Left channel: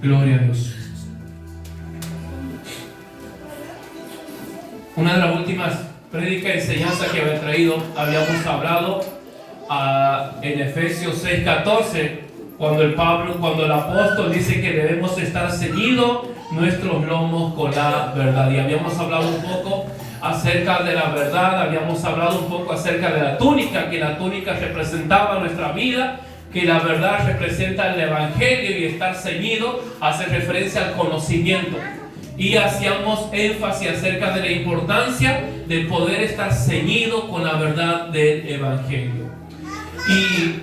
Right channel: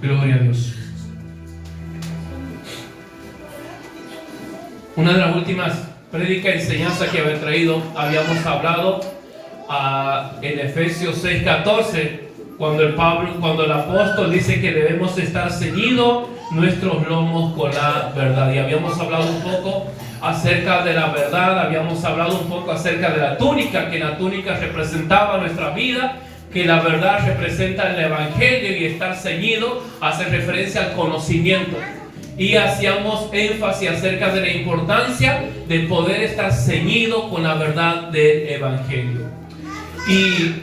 Gloria a Dios. Una de las últimas prédicas y enseñanzas que había traído, habíamos hablado en Efesios 6:14, cuando el apóstol dice que debemos estar ceñidos nuestros lomos con la verdad. Y habíamos hablado un poco acerca de la verdad, habíamos hablado un poco acerca de la túnica, que la túnica representaba nuestra vida, que la verdad representa el evangelio, y estar ceñido hace referencia al conocimiento. Y hacíamos énfasis acerca de la importancia de poder estar ceñido con la verdad del evangelio. Y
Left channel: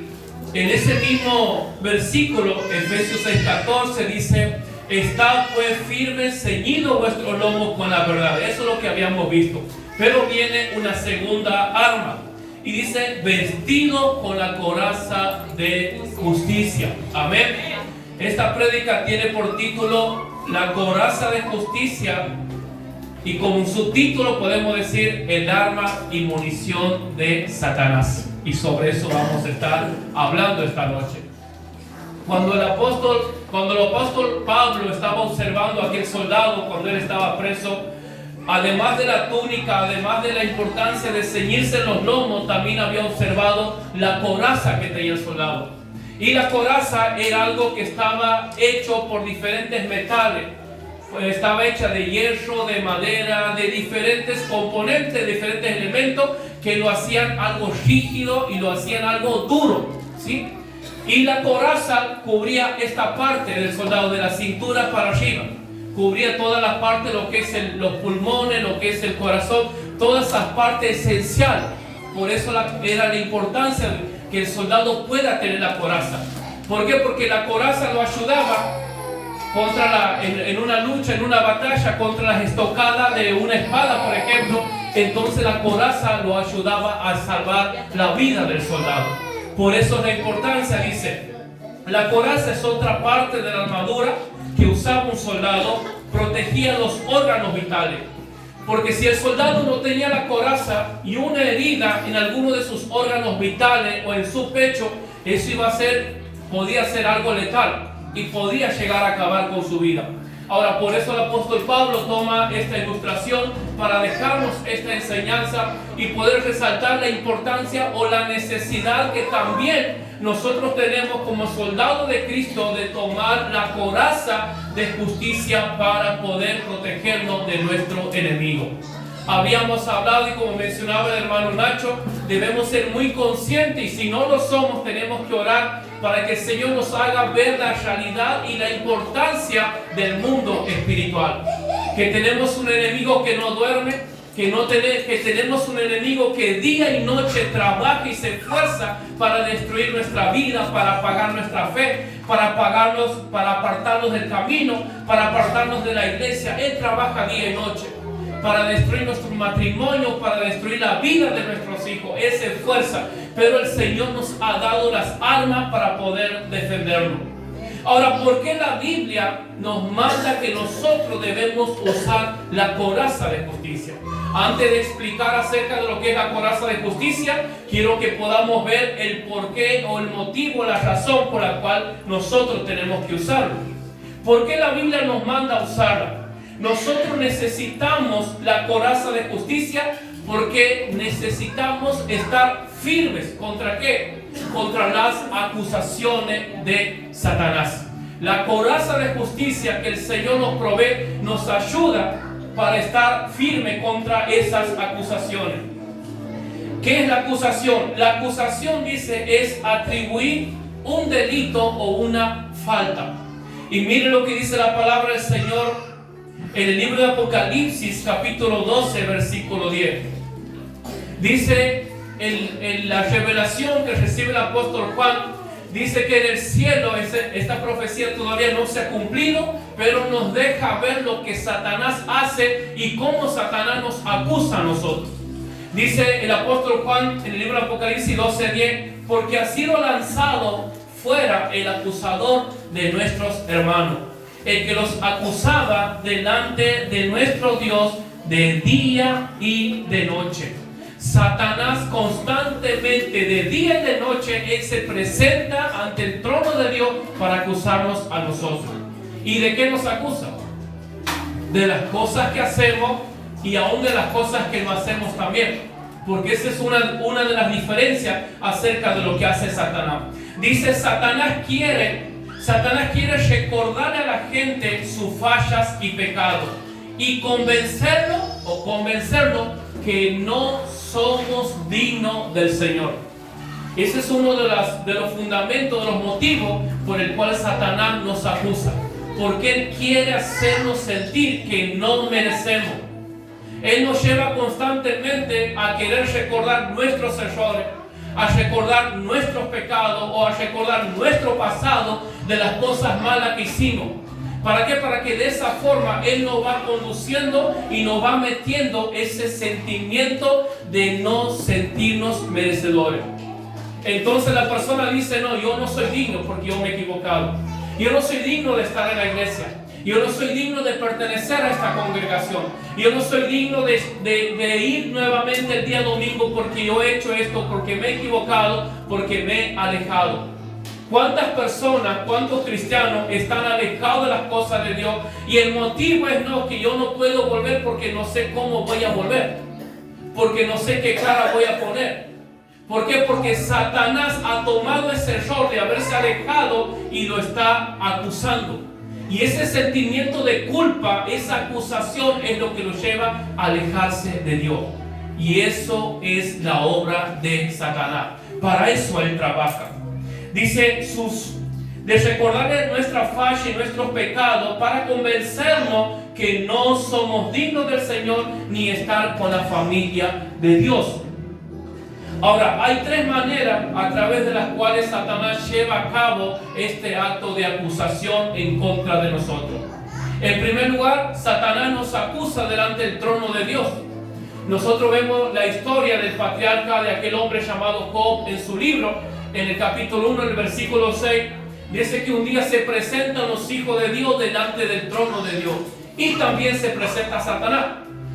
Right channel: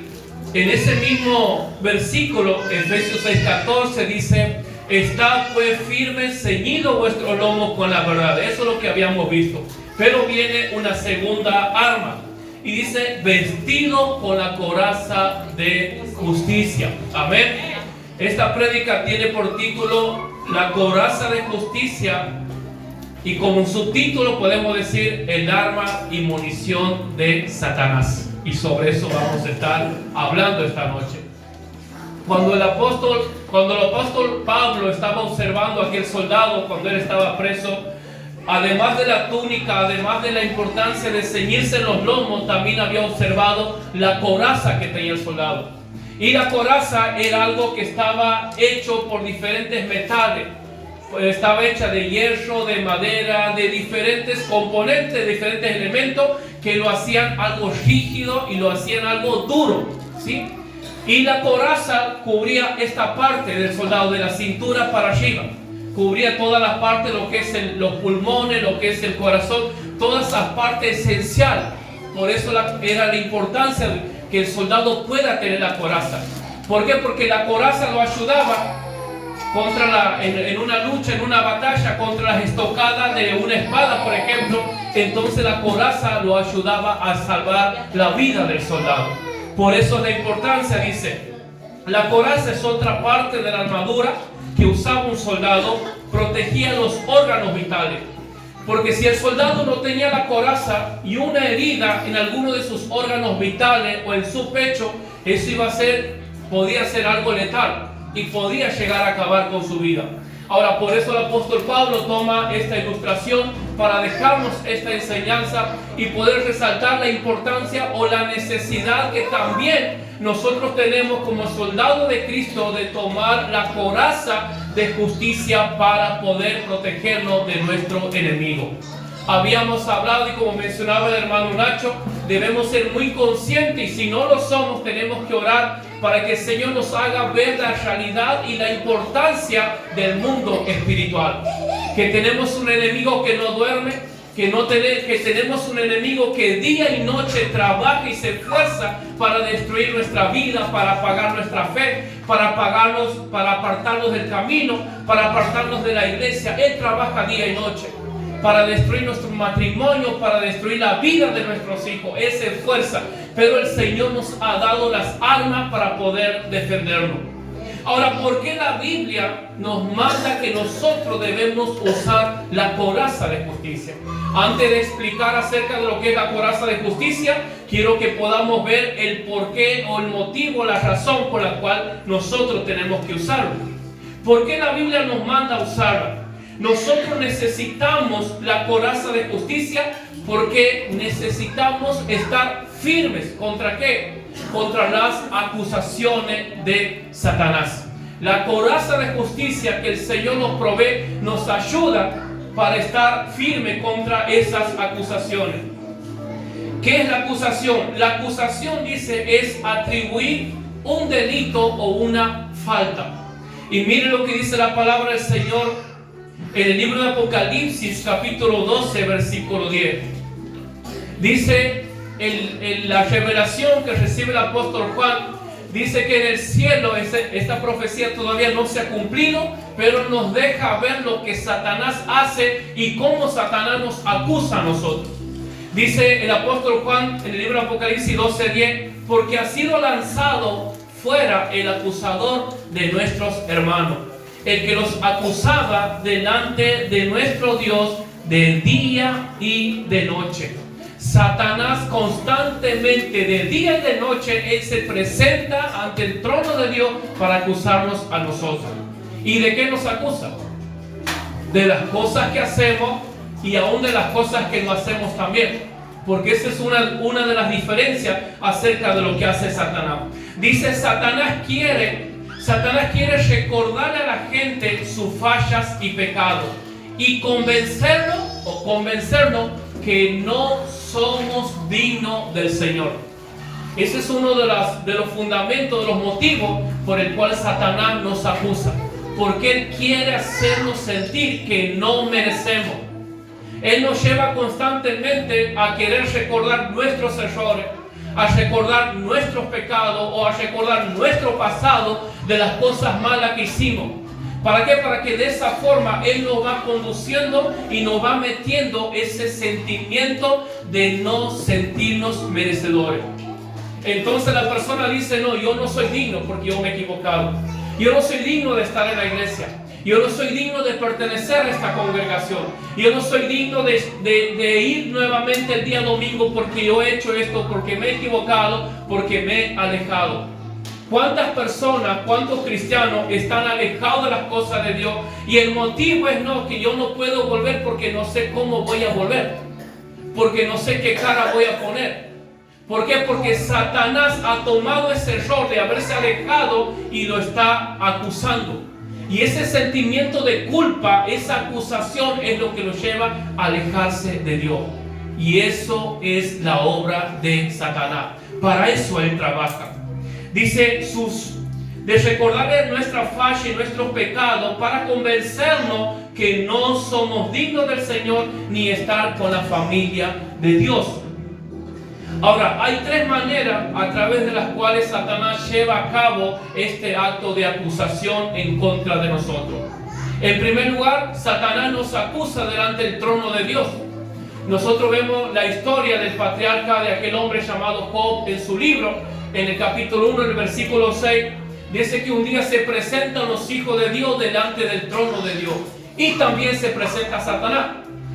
en ese mismo versículo, Efesios 6:14, dice: estad pues firmes, ceñidos vuestros lomos con la verdad. Eso es lo que habíamos visto. Pero viene una segunda arma y dice: vestido con la coraza de justicia. Amén. Esta prédica tiene por título la coraza de justicia, y como subtítulo podemos decir el arma y munición de Satanás. Y sobre eso vamos a estar hablando esta noche. Cuando el apóstol Pablo estaba observando a aquel soldado cuando él estaba preso, además de la túnica, además de la importancia de ceñirse los lomos, también había observado la coraza que tenía el soldado. Y la coraza era algo que estaba hecho por diferentes metales. Estaba hecha de hierro, de madera, de diferentes componentes, diferentes elementos que lo hacían algo rígido y lo hacían algo duro, ¿sí? Y la coraza cubría esta parte del soldado, de la cintura para arriba. Cubría toda la parte, lo que es los pulmones, lo que es el corazón, toda esa parte esencial. Por eso era la importancia que el soldado pueda tener la coraza. ¿Por qué? Porque la coraza lo ayudaba en una lucha, en una batalla, contra las estocadas de una espada, por ejemplo. Entonces la coraza lo ayudaba a salvar la vida del soldado. Por eso la importancia, dice, la coraza es otra parte de la armadura que usaba un soldado, protegía los órganos vitales. Porque si el soldado no tenía la coraza y una herida en alguno de sus órganos vitales o en su pecho, eso podía ser algo letal y podía llegar a acabar con su vida. Ahora, por eso el apóstol Pablo toma esta ilustración para dejarnos esta enseñanza y poder resaltar la importancia o la necesidad que también nosotros tenemos como soldados de Cristo de tomar la coraza de justicia para poder protegernos de nuestro enemigo. Habíamos hablado, y como mencionaba el hermano Nacho, debemos ser muy conscientes, y si no lo somos, tenemos que orar para que el Señor nos haga ver la realidad y la importancia del mundo espiritual. Que tenemos un enemigo que no duerme, que tenemos un enemigo que día y noche trabaja y se esfuerza para destruir nuestra vida, para apagar nuestra fe, para apartarnos del camino, para apartarnos de la iglesia. Él trabaja día y noche para destruir nuestro matrimonio, para destruir la vida de nuestros hijos. Él se esfuerza, pero el Señor nos ha dado las armas para poder defendernos. Ahora, ¿por qué la Biblia nos manda que nosotros debemos usar la coraza de justicia? Antes de explicar acerca de lo que es la coraza de justicia, quiero que podamos ver el porqué o el motivo, la razón por la cual nosotros tenemos que usarlo. ¿Por qué la Biblia nos manda a usarla? Nosotros necesitamos la coraza de justicia porque necesitamos estar firmes. ¿Contra qué? Contra las acusaciones de Satanás. La coraza de justicia que el Señor nos provee nos ayuda para estar firme contra esas acusaciones. ¿Qué es la acusación? La acusación, dice, es atribuir un delito o una falta. Y mire lo que dice la palabra del Señor en el libro de Apocalipsis, capítulo 12, versículo 10. Dice en la revelación que recibe el apóstol Juan, dice que en el cielo esta profecía todavía no se ha cumplido, pero nos deja ver lo que Satanás hace y cómo Satanás nos acusa a nosotros. Dice el apóstol Juan en el libro de Apocalipsis 12:10, porque ha sido lanzado fuera el acusador de nuestros hermanos, el que los acusaba delante de nuestro Dios de día y de noche. Satanás constantemente, de día y de noche, él se presenta ante el trono de Dios para acusarnos a nosotros. ¿Y de qué nos acusa? De las cosas que hacemos y aún de las cosas que no hacemos también. Porque esa es una de las diferencias acerca de lo que hace Satanás. Dice, Satanás quiere recordarle a la gente sus fallas y pecados y convencerlo que no somos dignos del Señor. Ese es uno de los fundamentos, de los motivos por el cual Satanás nos acusa. Porque Él quiere hacernos sentir que no merecemos. Él nos lleva constantemente a querer recordar nuestros errores, a recordar nuestros pecados o a recordar nuestro pasado de las cosas malas que hicimos. ¿Para qué? Para que de esa forma Él nos va conduciendo y nos va metiendo ese sentimiento de no sentirnos merecedores. Entonces la persona dice, no, yo no soy digno porque yo me he equivocado. Yo no soy digno de estar en la iglesia. Yo no soy digno de pertenecer a esta congregación. Yo no soy digno de ir nuevamente el día domingo porque yo he hecho esto, porque me he equivocado, porque me he alejado. ¿Cuántas personas, cuántos cristianos están alejados de las cosas de Dios? Y el motivo es no, que yo no puedo volver porque no sé cómo voy a volver. Porque no sé qué cara voy a poner. ¿Por qué? Porque Satanás ha tomado ese error de haberse alejado y lo está acusando. Y ese sentimiento de culpa, esa acusación es lo que lo lleva a alejarse de Dios. Y eso es la obra de Satanás. Para eso él trabaja. Dice de recordarle nuestra falla y nuestros pecados para convencernos que no somos dignos del Señor ni estar con la familia de Dios. Ahora, hay tres maneras a través de las cuales Satanás lleva a cabo este acto de acusación en contra de nosotros. En primer lugar, Satanás nos acusa delante del trono de Dios. Nosotros vemos la historia del patriarca, de aquel hombre llamado Job, en su libro, en el capítulo 1, en el versículo 6, dice que un día se presentan los hijos de Dios delante del trono de Dios. Y también se presenta Satanás.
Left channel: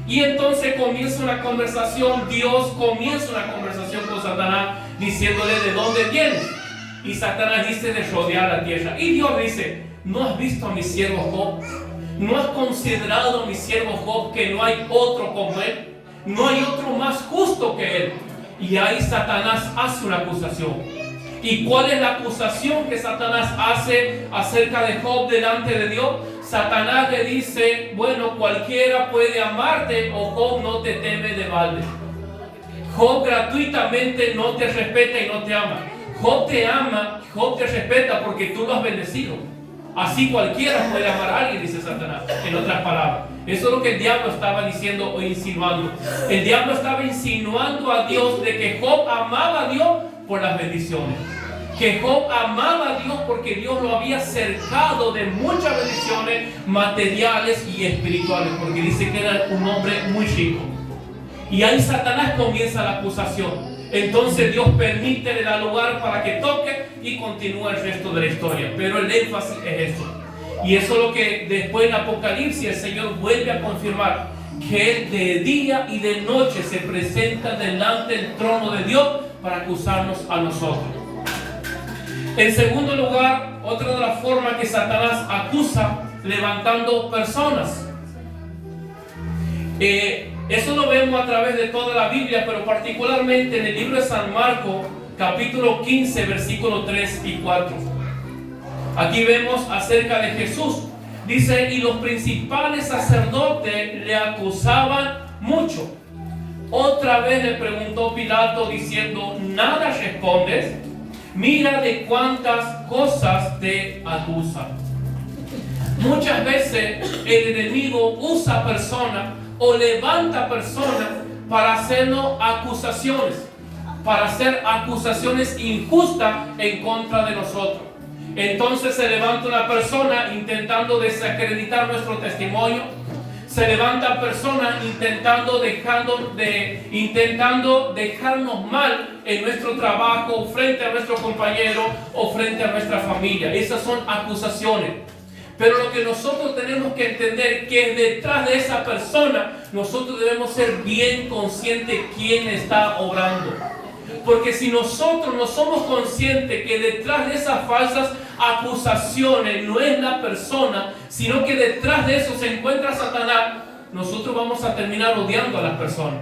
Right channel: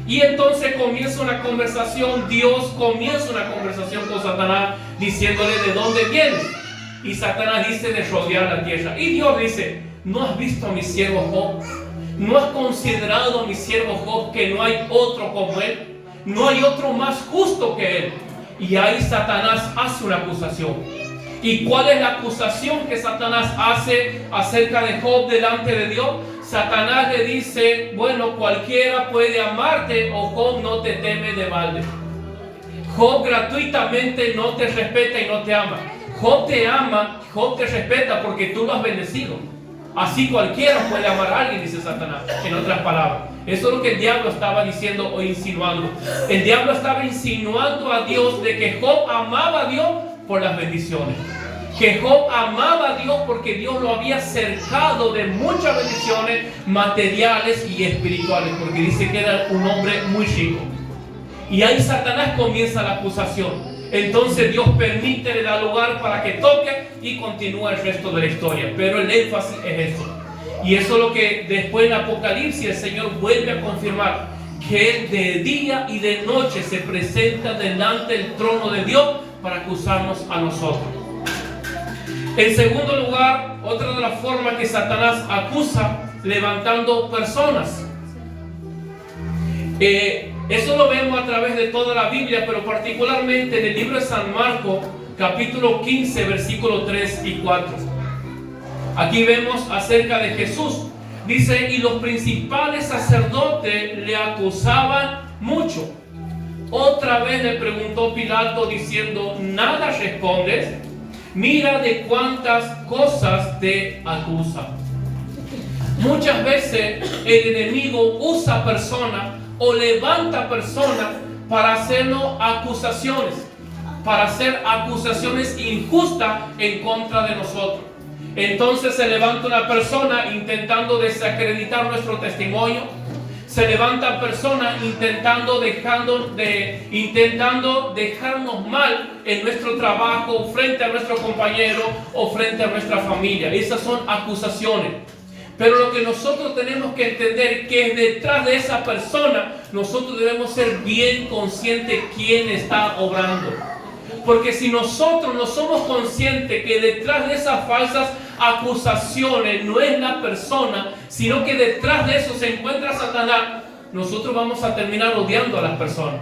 Y entonces comienza una conversación, Dios comienza una conversación con Satanás diciéndole de dónde vienes. Y Satanás dice de rodear la tierra. Y Dios dice, ¿no has visto a mi siervo Job? ¿No has considerado a mi siervo Job que no hay otro como él? No hay otro más justo que él. Y ahí Satanás hace una acusación. ¿Y cuál es la acusación que Satanás hace acerca de Job delante de Dios? Satanás le dice, bueno, cualquiera puede amarte o Job no te teme de balde. Job gratuitamente no te respeta y no te ama. Job te ama, Job te respeta porque tú lo has bendecido. Así cualquiera puede amar a alguien, dice Satanás, en otras palabras. Eso es lo que el diablo estaba diciendo o insinuando. El diablo estaba insinuando a Dios de que Job amaba a Dios por las bendiciones. Que Job amaba a Dios porque Dios lo había cercado de muchas bendiciones materiales y espirituales, porque dice que era un hombre muy rico. Y ahí Satanás comienza la acusación. Entonces Dios permite, le da lugar para que toque y continúa el resto de la historia. Pero el énfasis es eso. Y eso es lo que después en Apocalipsis el Señor vuelve a confirmar, que Él de día y de noche se presenta delante del trono de Dios para acusarnos a nosotros. En segundo lugar, otra de las formas que Satanás acusa, levantando personas. Eso lo vemos a través de toda la Biblia, pero particularmente en el libro de San Marcos, capítulo 15, versículos 3 y 4. Aquí vemos acerca de Jesús. Dice, y los principales sacerdotes le acusaban mucho. Otra vez le preguntó Pilato diciendo, ¿nada respondes? Mira de cuántas cosas te acusa. Muchas veces el enemigo usa personas o levanta personas para hacernos acusaciones, para hacer acusaciones injustas en contra de nosotros. Entonces se levanta una persona intentando desacreditar nuestro testimonio. Se levantan personas intentando dejarnos mal en nuestro trabajo, frente a nuestro compañero o frente a nuestra familia. Esas son acusaciones. Pero lo que nosotros tenemos que entender que detrás de esa persona nosotros debemos ser bien conscientes quién está obrando. Porque si nosotros no somos conscientes que detrás de esas falsas acusaciones no es la persona, sino que detrás de eso se encuentra Satanás, nosotros vamos a terminar odiando a las personas.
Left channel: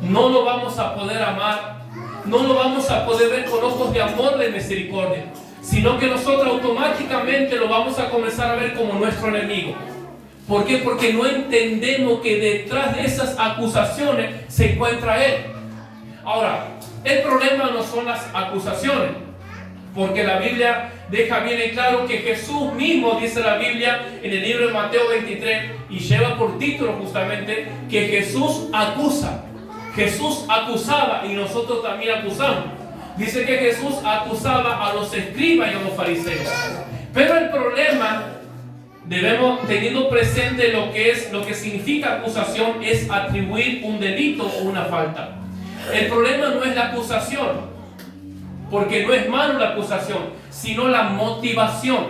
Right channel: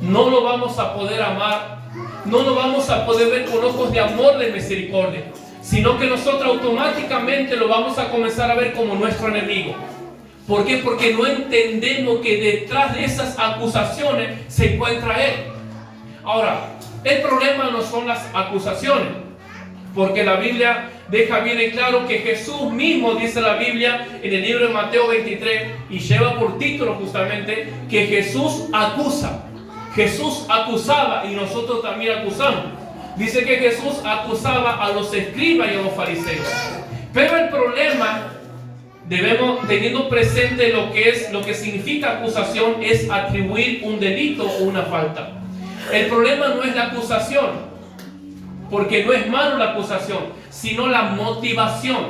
No lo vamos a poder amar, no lo vamos a poder ver con ojos de amor, de misericordia, sino que nosotros automáticamente lo vamos a comenzar a ver como nuestro enemigo. ¿Por qué? Porque no entendemos que detrás de esas acusaciones se encuentra Él. Ahora, el problema no son las acusaciones, porque la Biblia deja bien en claro que Jesús mismo, dice la Biblia en el libro de Mateo 23, y lleva por título justamente que Jesús acusa. Jesús acusaba y nosotros también acusamos. Dice que Jesús acusaba a los escribas y a los fariseos. Pero el problema, teniendo presente lo que significa acusación, es atribuir un delito o una falta. El problema no es la acusación, porque no es malo la acusación, sino la motivación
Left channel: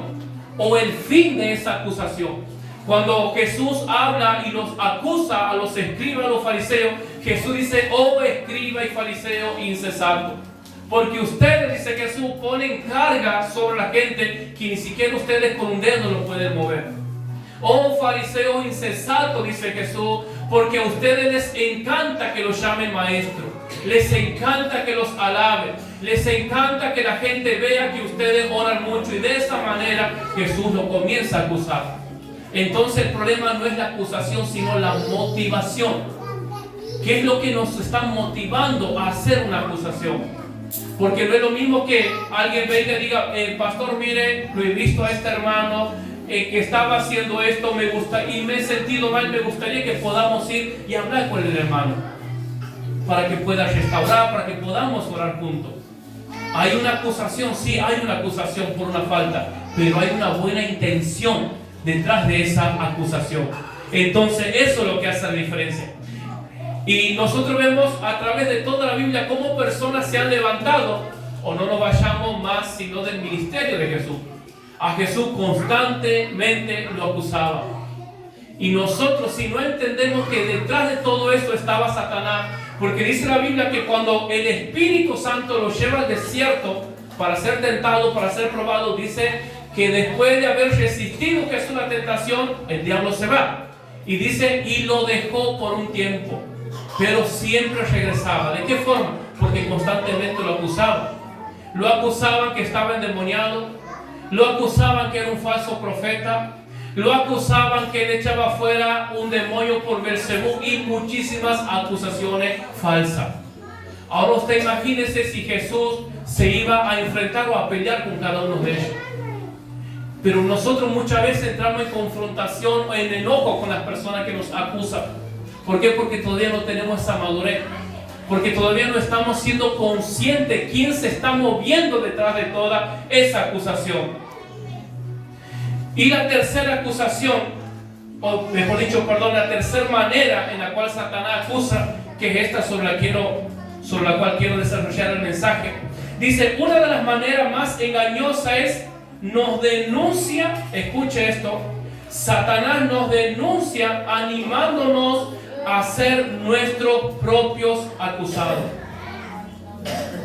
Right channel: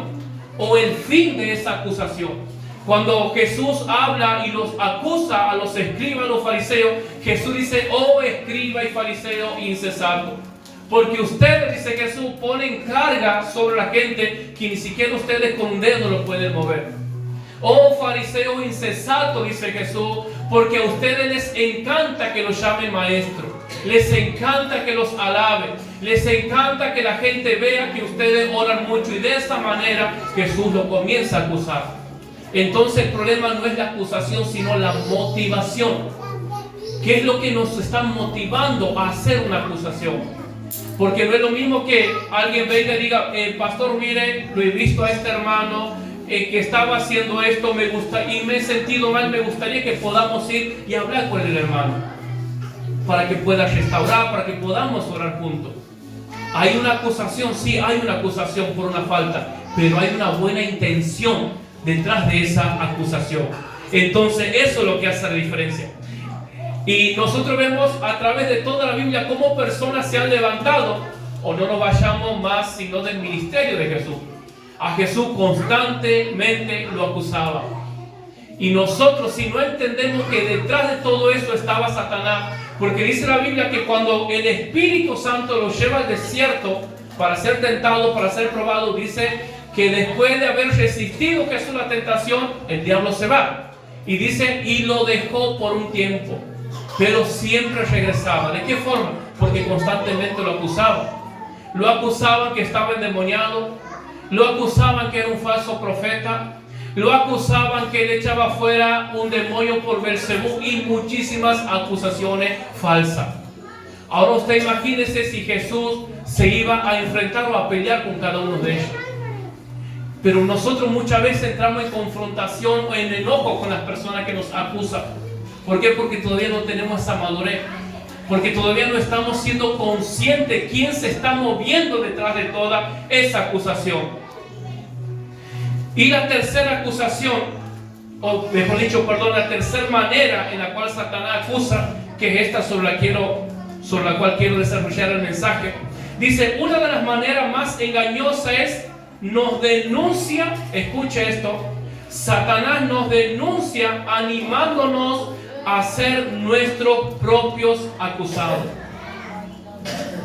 o el fin de esa acusación. Cuando Jesús habla y los acusa a los escribas, a los fariseos, Jesús dice: oh escriba y fariseo insensato, porque ustedes, dice Jesús, ponen carga sobre la gente que ni siquiera ustedes con un dedo lo pueden mover. Oh fariseo insensato, dice Jesús, porque a ustedes les encanta que los llamen maestro, les encanta que los alaben, les encanta que la gente vea que ustedes oran mucho, y de esa manera Jesús lo comienza a acusar. Entonces el problema no es la acusación, sino la motivación. ¿Qué es lo que nos está motivando a hacer una acusación? Porque no es lo mismo que alguien venga y diga: pastor, mire, lo he visto a este hermano que estaba haciendo esto, me gusta y me he sentido mal, me gustaría que podamos ir y hablar con el hermano para que pueda restaurar, para que podamos orar juntos. Hay una acusación, sí, hay una acusación por una falta, pero hay una buena intención detrás de esa acusación. Entonces eso es lo que hace la diferencia. Y nosotros vemos a través de toda la Biblia cómo personas se han levantado, o no nos vayamos más sino del ministerio de Jesús. A Jesús constantemente lo acusaba. Y nosotros, si no entendemos que detrás de todo eso estaba Satanás, porque dice la Biblia que cuando el Espíritu Santo lo lleva al desierto para ser tentado, para ser probado, dice que después de haber resistido Jesús la tentación, el diablo se va. Y dice, y lo dejó por un tiempo, pero siempre regresaba. ¿De qué forma? Porque constantemente lo acusaban. Lo acusaban que estaba endemoniado, lo acusaban que era un falso profeta, lo acusaban que él echaba fuera un demonio por Beelzebú, y muchísimas acusaciones falsas. Ahora usted imagínese si Jesús se iba a enfrentar o a pelear con cada uno de ellos. Pero nosotros muchas veces entramos en confrontación o en enojo con las personas que nos acusan. ¿Por qué? Porque todavía no tenemos esa madurez. Porque todavía no estamos siendo conscientes quién se está moviendo detrás de toda esa acusación. Y la tercera acusación, o mejor dicho, la tercera manera en la cual Satanás acusa, que es esta sobre la cual quiero desarrollar el mensaje. Dice, una de las maneras más engañosas es, nos denuncia, escuche esto, Satanás nos denuncia animándonos a ser nuestros propios acusados.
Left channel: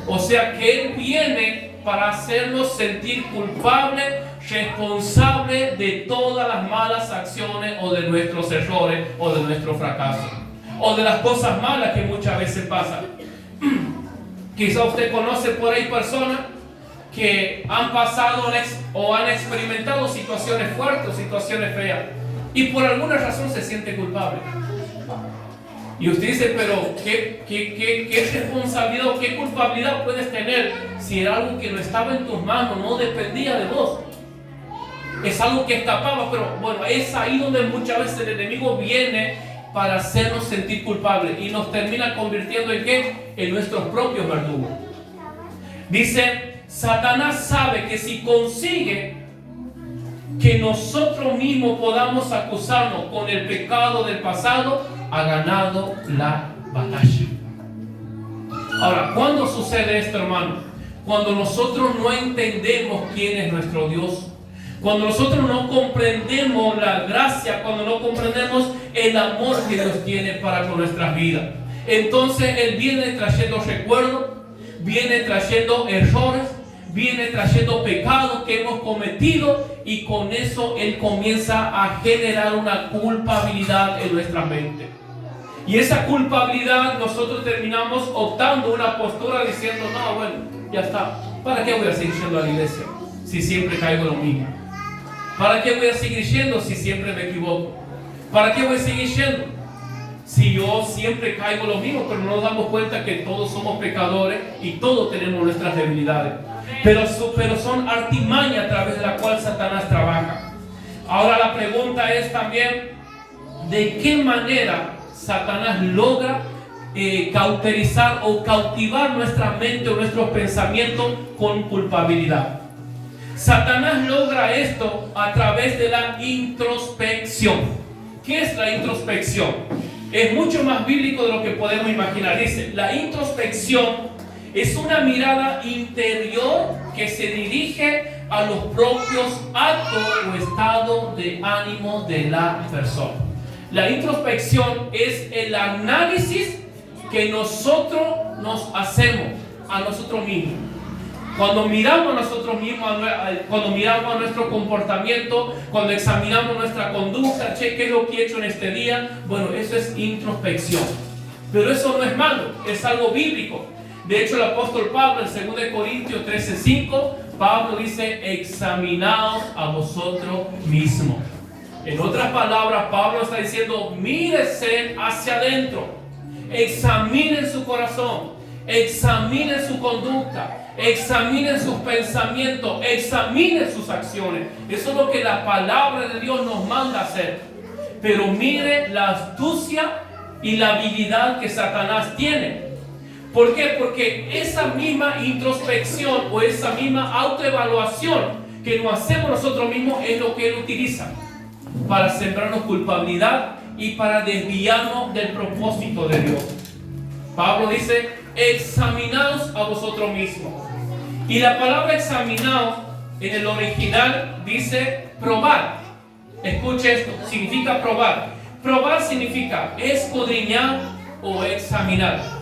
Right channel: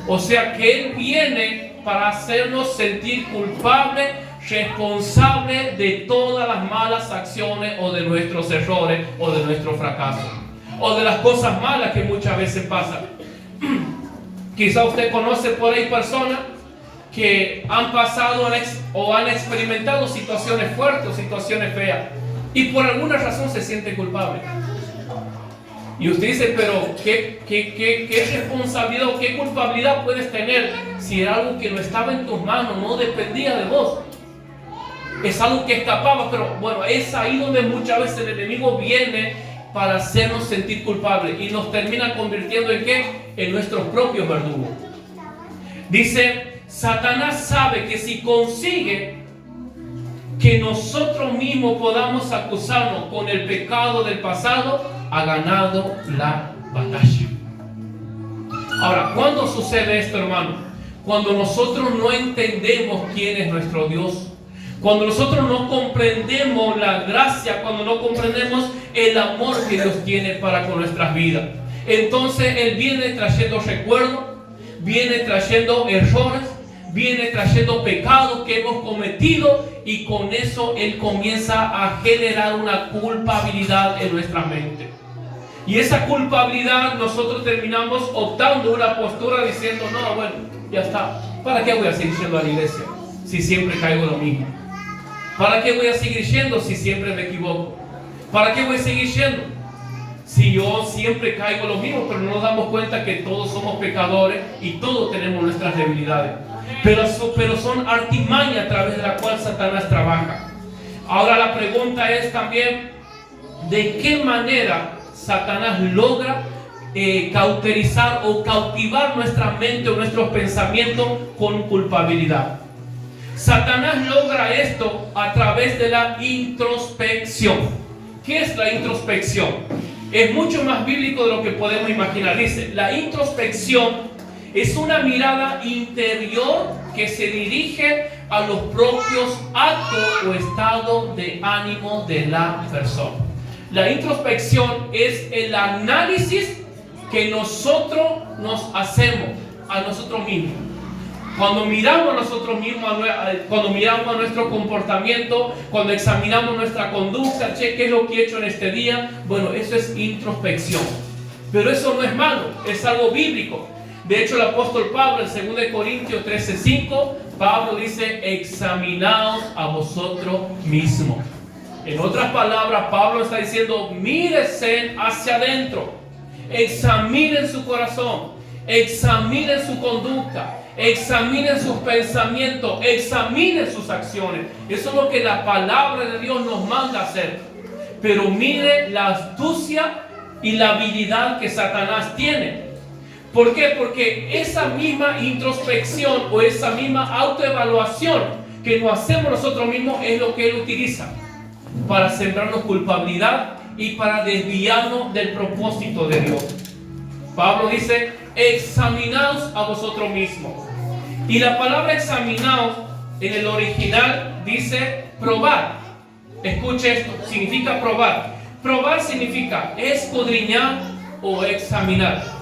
O sea que Él viene para hacernos sentir culpables, responsables de todas las malas acciones o de nuestros errores o de nuestro fracaso o de las cosas malas que muchas veces pasan. Quizá usted conoce por ahí personas que han pasado o han experimentado situaciones fuertes o situaciones feas y por alguna razón se siente culpable. Y usted dice, pero ¿qué responsabilidad o qué culpabilidad puedes tener si era algo que no estaba en tus manos, no dependía de vos? Es algo que escapaba, pero bueno, es ahí donde muchas veces el enemigo viene para hacernos sentir culpables y nos termina convirtiendo en ¿qué? En nuestros propios verdugos. Dice, Satanás sabe que si consigue que nosotros mismos podamos acusarnos con el pecado del pasado, ha ganado la batalla. Ahora, ¿cuándo sucede esto, hermano? Cuando nosotros no entendemos quién es nuestro Dios, cuando nosotros no comprendemos la gracia, cuando no comprendemos el amor que Dios tiene para con nuestras vidas. Entonces Él viene trayendo recuerdos, viene trayendo errores, viene trayendo pecados que hemos cometido, y con eso él comienza a generar una culpabilidad en nuestra mente. Y esa culpabilidad nosotros terminamos optando una postura diciendo, no, bueno, ya está. ¿Para qué voy a seguir yendo a la iglesia si siempre caigo lo mismo? ¿Para qué voy a seguir yendo si siempre me equivoco? ¿Para qué voy a seguir yendo si yo siempre caigo lo mismo? Pero no nos damos cuenta que todos somos pecadores y todos tenemos nuestras debilidades. Pero son artimañas a través de la cual Satanás trabaja. Ahora la pregunta es también, ¿de qué manera Satanás logra cauterizar o cautivar nuestra mente o nuestros pensamientos con culpabilidad? Satanás logra esto a través de la introspección. ¿Qué es la introspección? Es mucho más bíblico de lo que podemos imaginar. Dice, la introspección es una mirada interior que se dirige a los propios actos o estado de ánimo de la persona. La introspección es el análisis que nosotros nos hacemos a nosotros mismos. Cuando miramos a nosotros mismos, cuando miramos a nuestro comportamiento, cuando examinamos nuestra conducta, ¿qué es lo que he hecho en este día? Bueno, eso es introspección. Pero eso no es malo, es algo bíblico. De hecho, el apóstol Pablo en 2 Corintios 13:5, Pablo dice, examinaos a vosotros mismos. En otras palabras, Pablo está diciendo, mírense hacia adentro, examinen su corazón, examinen su conducta, examinen sus pensamientos, examinen sus acciones. Eso es lo que la palabra de Dios nos manda hacer. Pero mire la astucia y la habilidad que Satanás tiene. ¿Por qué? Porque esa misma introspección o esa misma autoevaluación que nos hacemos nosotros mismos es lo que él utiliza para sembrarnos culpabilidad y para desviarnos del propósito de Dios. Pablo dice, examinaos a vosotros mismos. Y la palabra examinaos en el original dice probar. Escuche esto, significa probar. Probar significa escudriñar o examinar.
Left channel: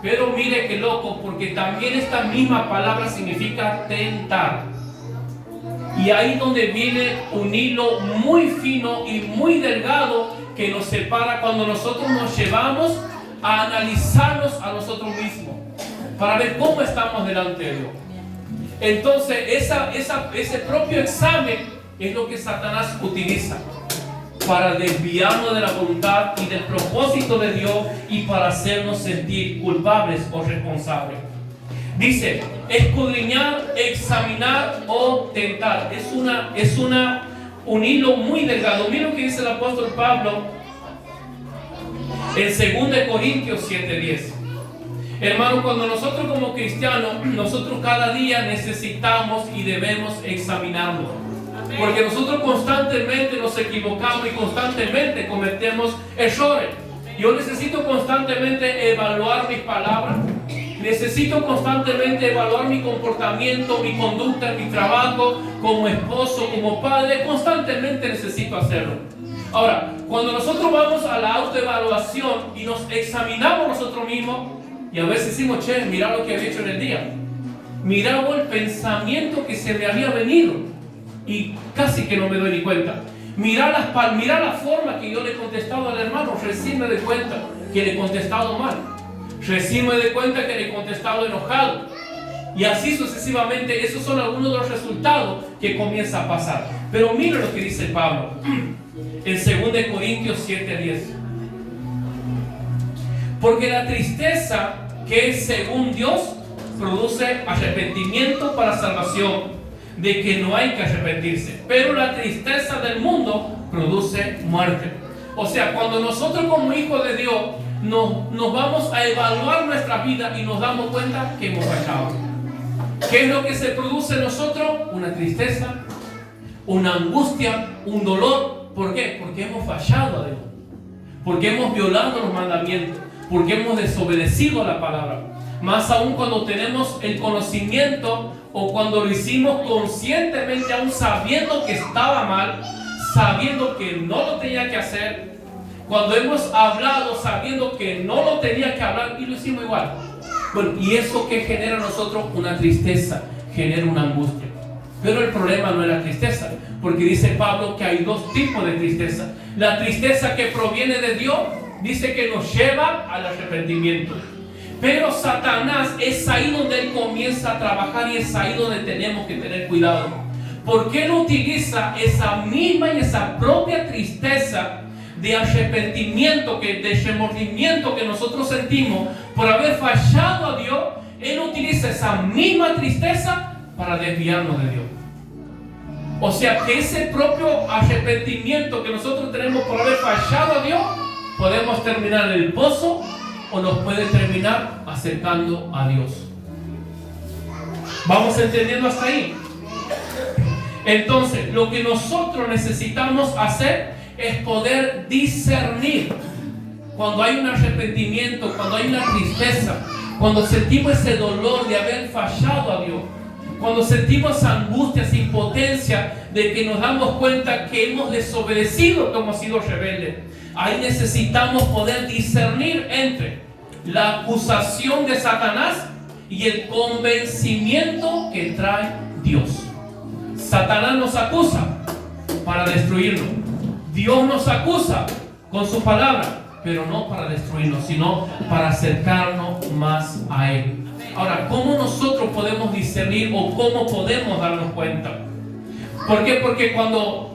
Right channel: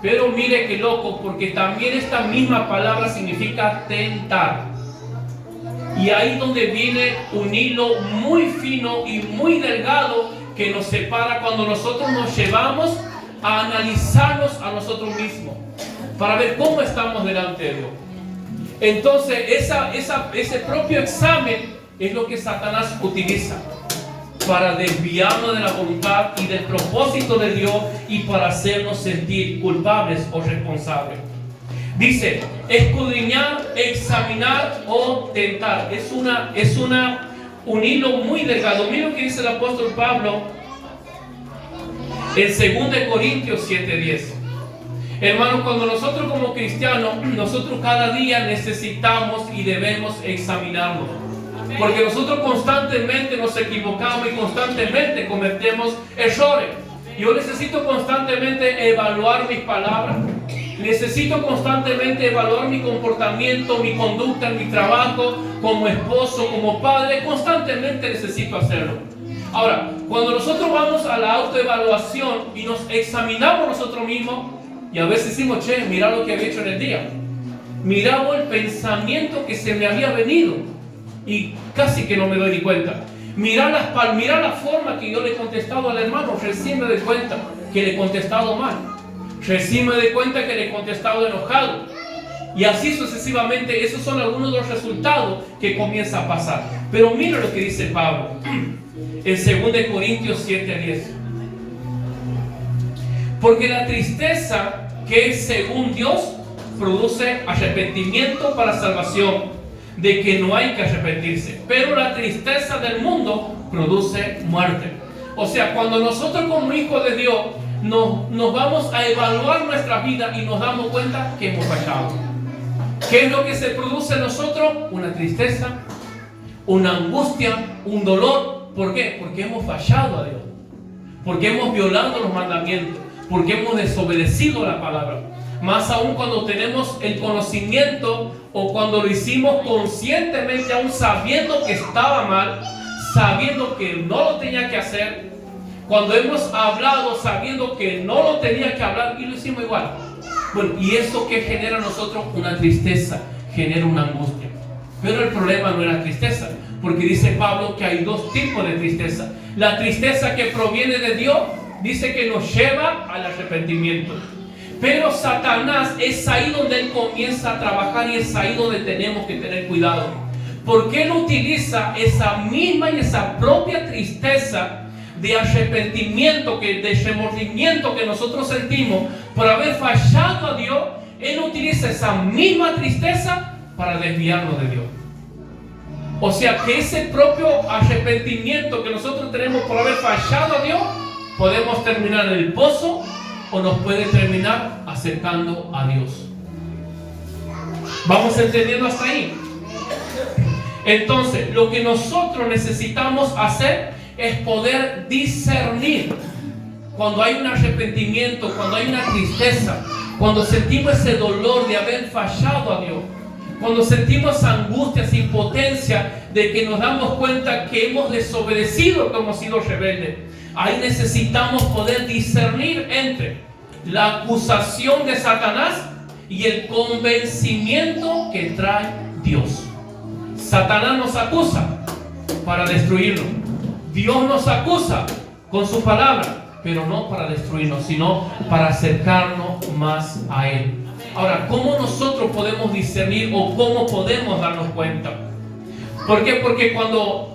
Pero mire qué loco, porque también esta misma palabra significa tentar. Y ahí donde viene un hilo muy fino y muy delgado que nos separa cuando nosotros nos llevamos a analizarnos a nosotros mismos para ver cómo estamos delante de Dios. Entonces ese propio examen es lo que Satanás utiliza para desviarnos de la voluntad y del propósito de Dios y para hacernos sentir culpables o responsables. Dice, escudriñar, examinar o tentar. Es un hilo muy delgado. Mira lo que dice el apóstol Pablo en 2 Corintios 7:10. Hermanos, cuando nosotros como cristianos, nosotros cada día necesitamos y debemos examinarnos. Porque nosotros constantemente nos equivocamos y constantemente cometemos errores. Yo necesito constantemente evaluar mis palabras. Necesito constantemente evaluar mi comportamiento, mi conducta, mi trabajo, como esposo, como padre. Constantemente necesito hacerlo. Ahora, cuando nosotros vamos a la autoevaluación y nos examinamos nosotros mismos, y a veces decimos, che, mira lo que había hecho en el día. Miramos el pensamiento que se me había venido y casi que no me doy ni cuenta. Mirar la forma que yo le he contestado al hermano, recién me doy cuenta que le he contestado mal. Recién me doy cuenta que le he contestado enojado. Y así sucesivamente, esos son algunos de los resultados que comienza a pasar. Pero mira lo que dice Pablo en 2 Corintios 7:10. Porque la tristeza que es según Dios produce arrepentimiento para salvación, de que no hay que arrepentirse. Pero la tristeza del mundo produce muerte. O sea, cuando nosotros como hijos de Dios nos vamos a evaluar nuestra vida y nos damos cuenta que hemos fallado. ¿Qué es lo que se produce en nosotros? Una tristeza, una angustia, un dolor. ¿Por qué? Porque hemos fallado a Dios. Porque hemos violado los mandamientos. Porque hemos desobedecido la palabra. Más aún cuando tenemos el conocimiento o cuando lo hicimos conscientemente, aún sabiendo que estaba mal, sabiendo que no lo tenía que hacer. Cuando hemos hablado sabiendo que no lo tenía que hablar y lo hicimos igual. Bueno, ¿y eso qué genera a nosotros? Una tristeza, genera una angustia. Pero el problema no es la tristeza, porque dice Pablo que hay dos tipos de tristeza. La tristeza que proviene de Dios, dice que nos lleva al arrepentimiento. Pero Satanás es ahí donde él comienza a trabajar y es ahí donde tenemos que tener cuidado. Porque él utiliza esa misma y esa propia tristeza de arrepentimiento, de remordimiento que nosotros sentimos por haber fallado a Dios. Él utiliza esa misma tristeza para desviarnos de Dios. O sea que ese propio arrepentimiento que nosotros tenemos por haber fallado a Dios, podemos terminar en el pozo o nos puede terminar acercando a Dios. ¿Vamos entendiendo hasta ahí? Entonces, lo que nosotros necesitamos hacer es poder discernir cuando hay un arrepentimiento, cuando hay una tristeza, cuando sentimos ese dolor de haber fallado a Dios, cuando sentimos esa angustia, esa impotencia de que nos damos cuenta que hemos desobedecido, que hemos sido rebeldes. Ahí necesitamos poder discernir entre la acusación de Satanás y el convencimiento que trae Dios. Satanás nos acusa para destruirnos. Dios nos acusa con su palabra, pero no para destruirnos, sino para acercarnos más a Él. Ahora, ¿cómo nosotros podemos discernir o cómo podemos darnos cuenta? ¿Por qué? Porque cuando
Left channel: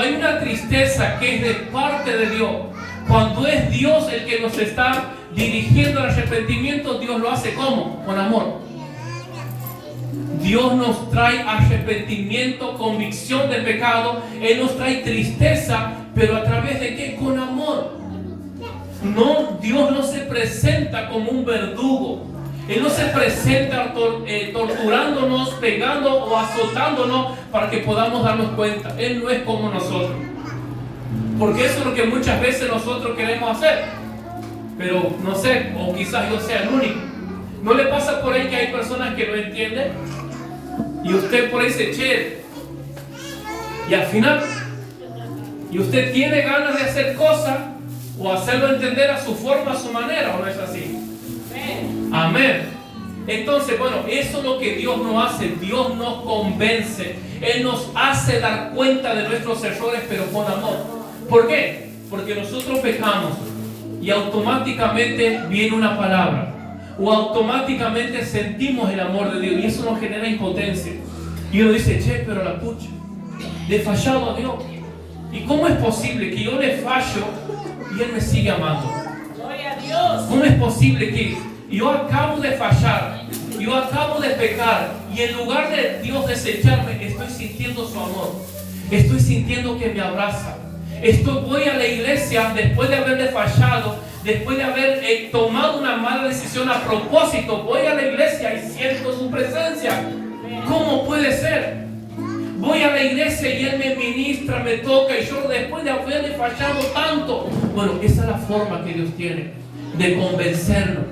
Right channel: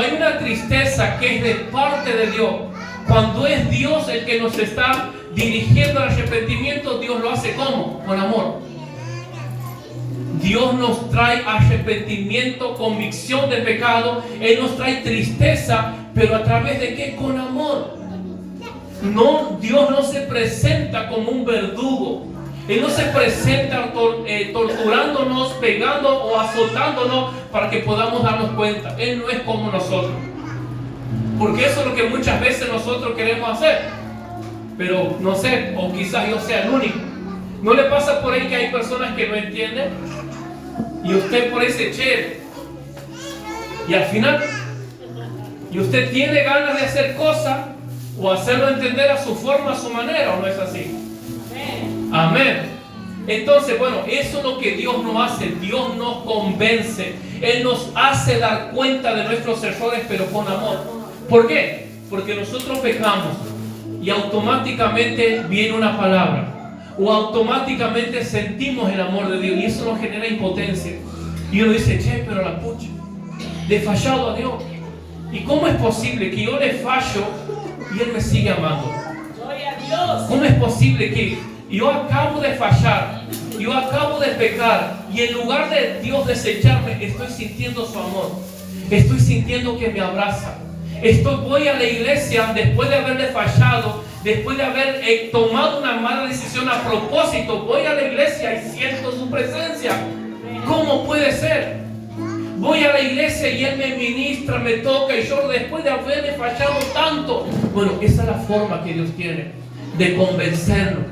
hay una tristeza que es de parte de Dios, cuando es Dios el que nos está dirigiendo al arrepentimiento, Dios lo hace ¿cómo? Con amor. Dios nos trae arrepentimiento, convicción del pecado. Él nos trae tristeza, pero ¿a través de qué? Con amor. No, Dios no se presenta como un verdugo. Él no se presenta torturándonos, pegando o azotándonos para que podamos darnos cuenta. Él no es como nosotros. Porque eso es lo que muchas veces nosotros queremos hacer. Pero no sé, o quizás yo sea el único. ¿No le pasa por ahí que hay personas que no entienden? Y usted por ahí se eche. Y al final, y usted tiene ganas de hacer cosas o hacerlo entender a su forma, a su manera, ¿o no es así? Amén. Entonces, bueno, eso es lo que Dios nos hace. Dios nos convence. Él nos hace dar cuenta de nuestros errores, pero con amor. ¿Por qué? Porque nosotros pecamos y automáticamente viene una palabra o automáticamente sentimos el amor de Dios y eso nos genera impotencia. Y uno dice, che, pero la pucha, le he fallado a Dios. ¿Y cómo es posible que yo le fallo y Él me sigue amando? Gloria a Dios. ¿Cómo es posible que yo acabo de fallar, yo acabo de pecar y en lugar de Dios desecharme, estoy sintiendo su amor, estoy sintiendo que me abraza? Voy a la iglesia después de haberle fallado, después de haber tomado una mala decisión a propósito, voy a la iglesia y siento su presencia. ¿Cómo puede ser? Voy a la iglesia y Él me ministra, me toca y yo después de haberle fallado tanto. Bueno, esa es la forma que Dios tiene de convencernos.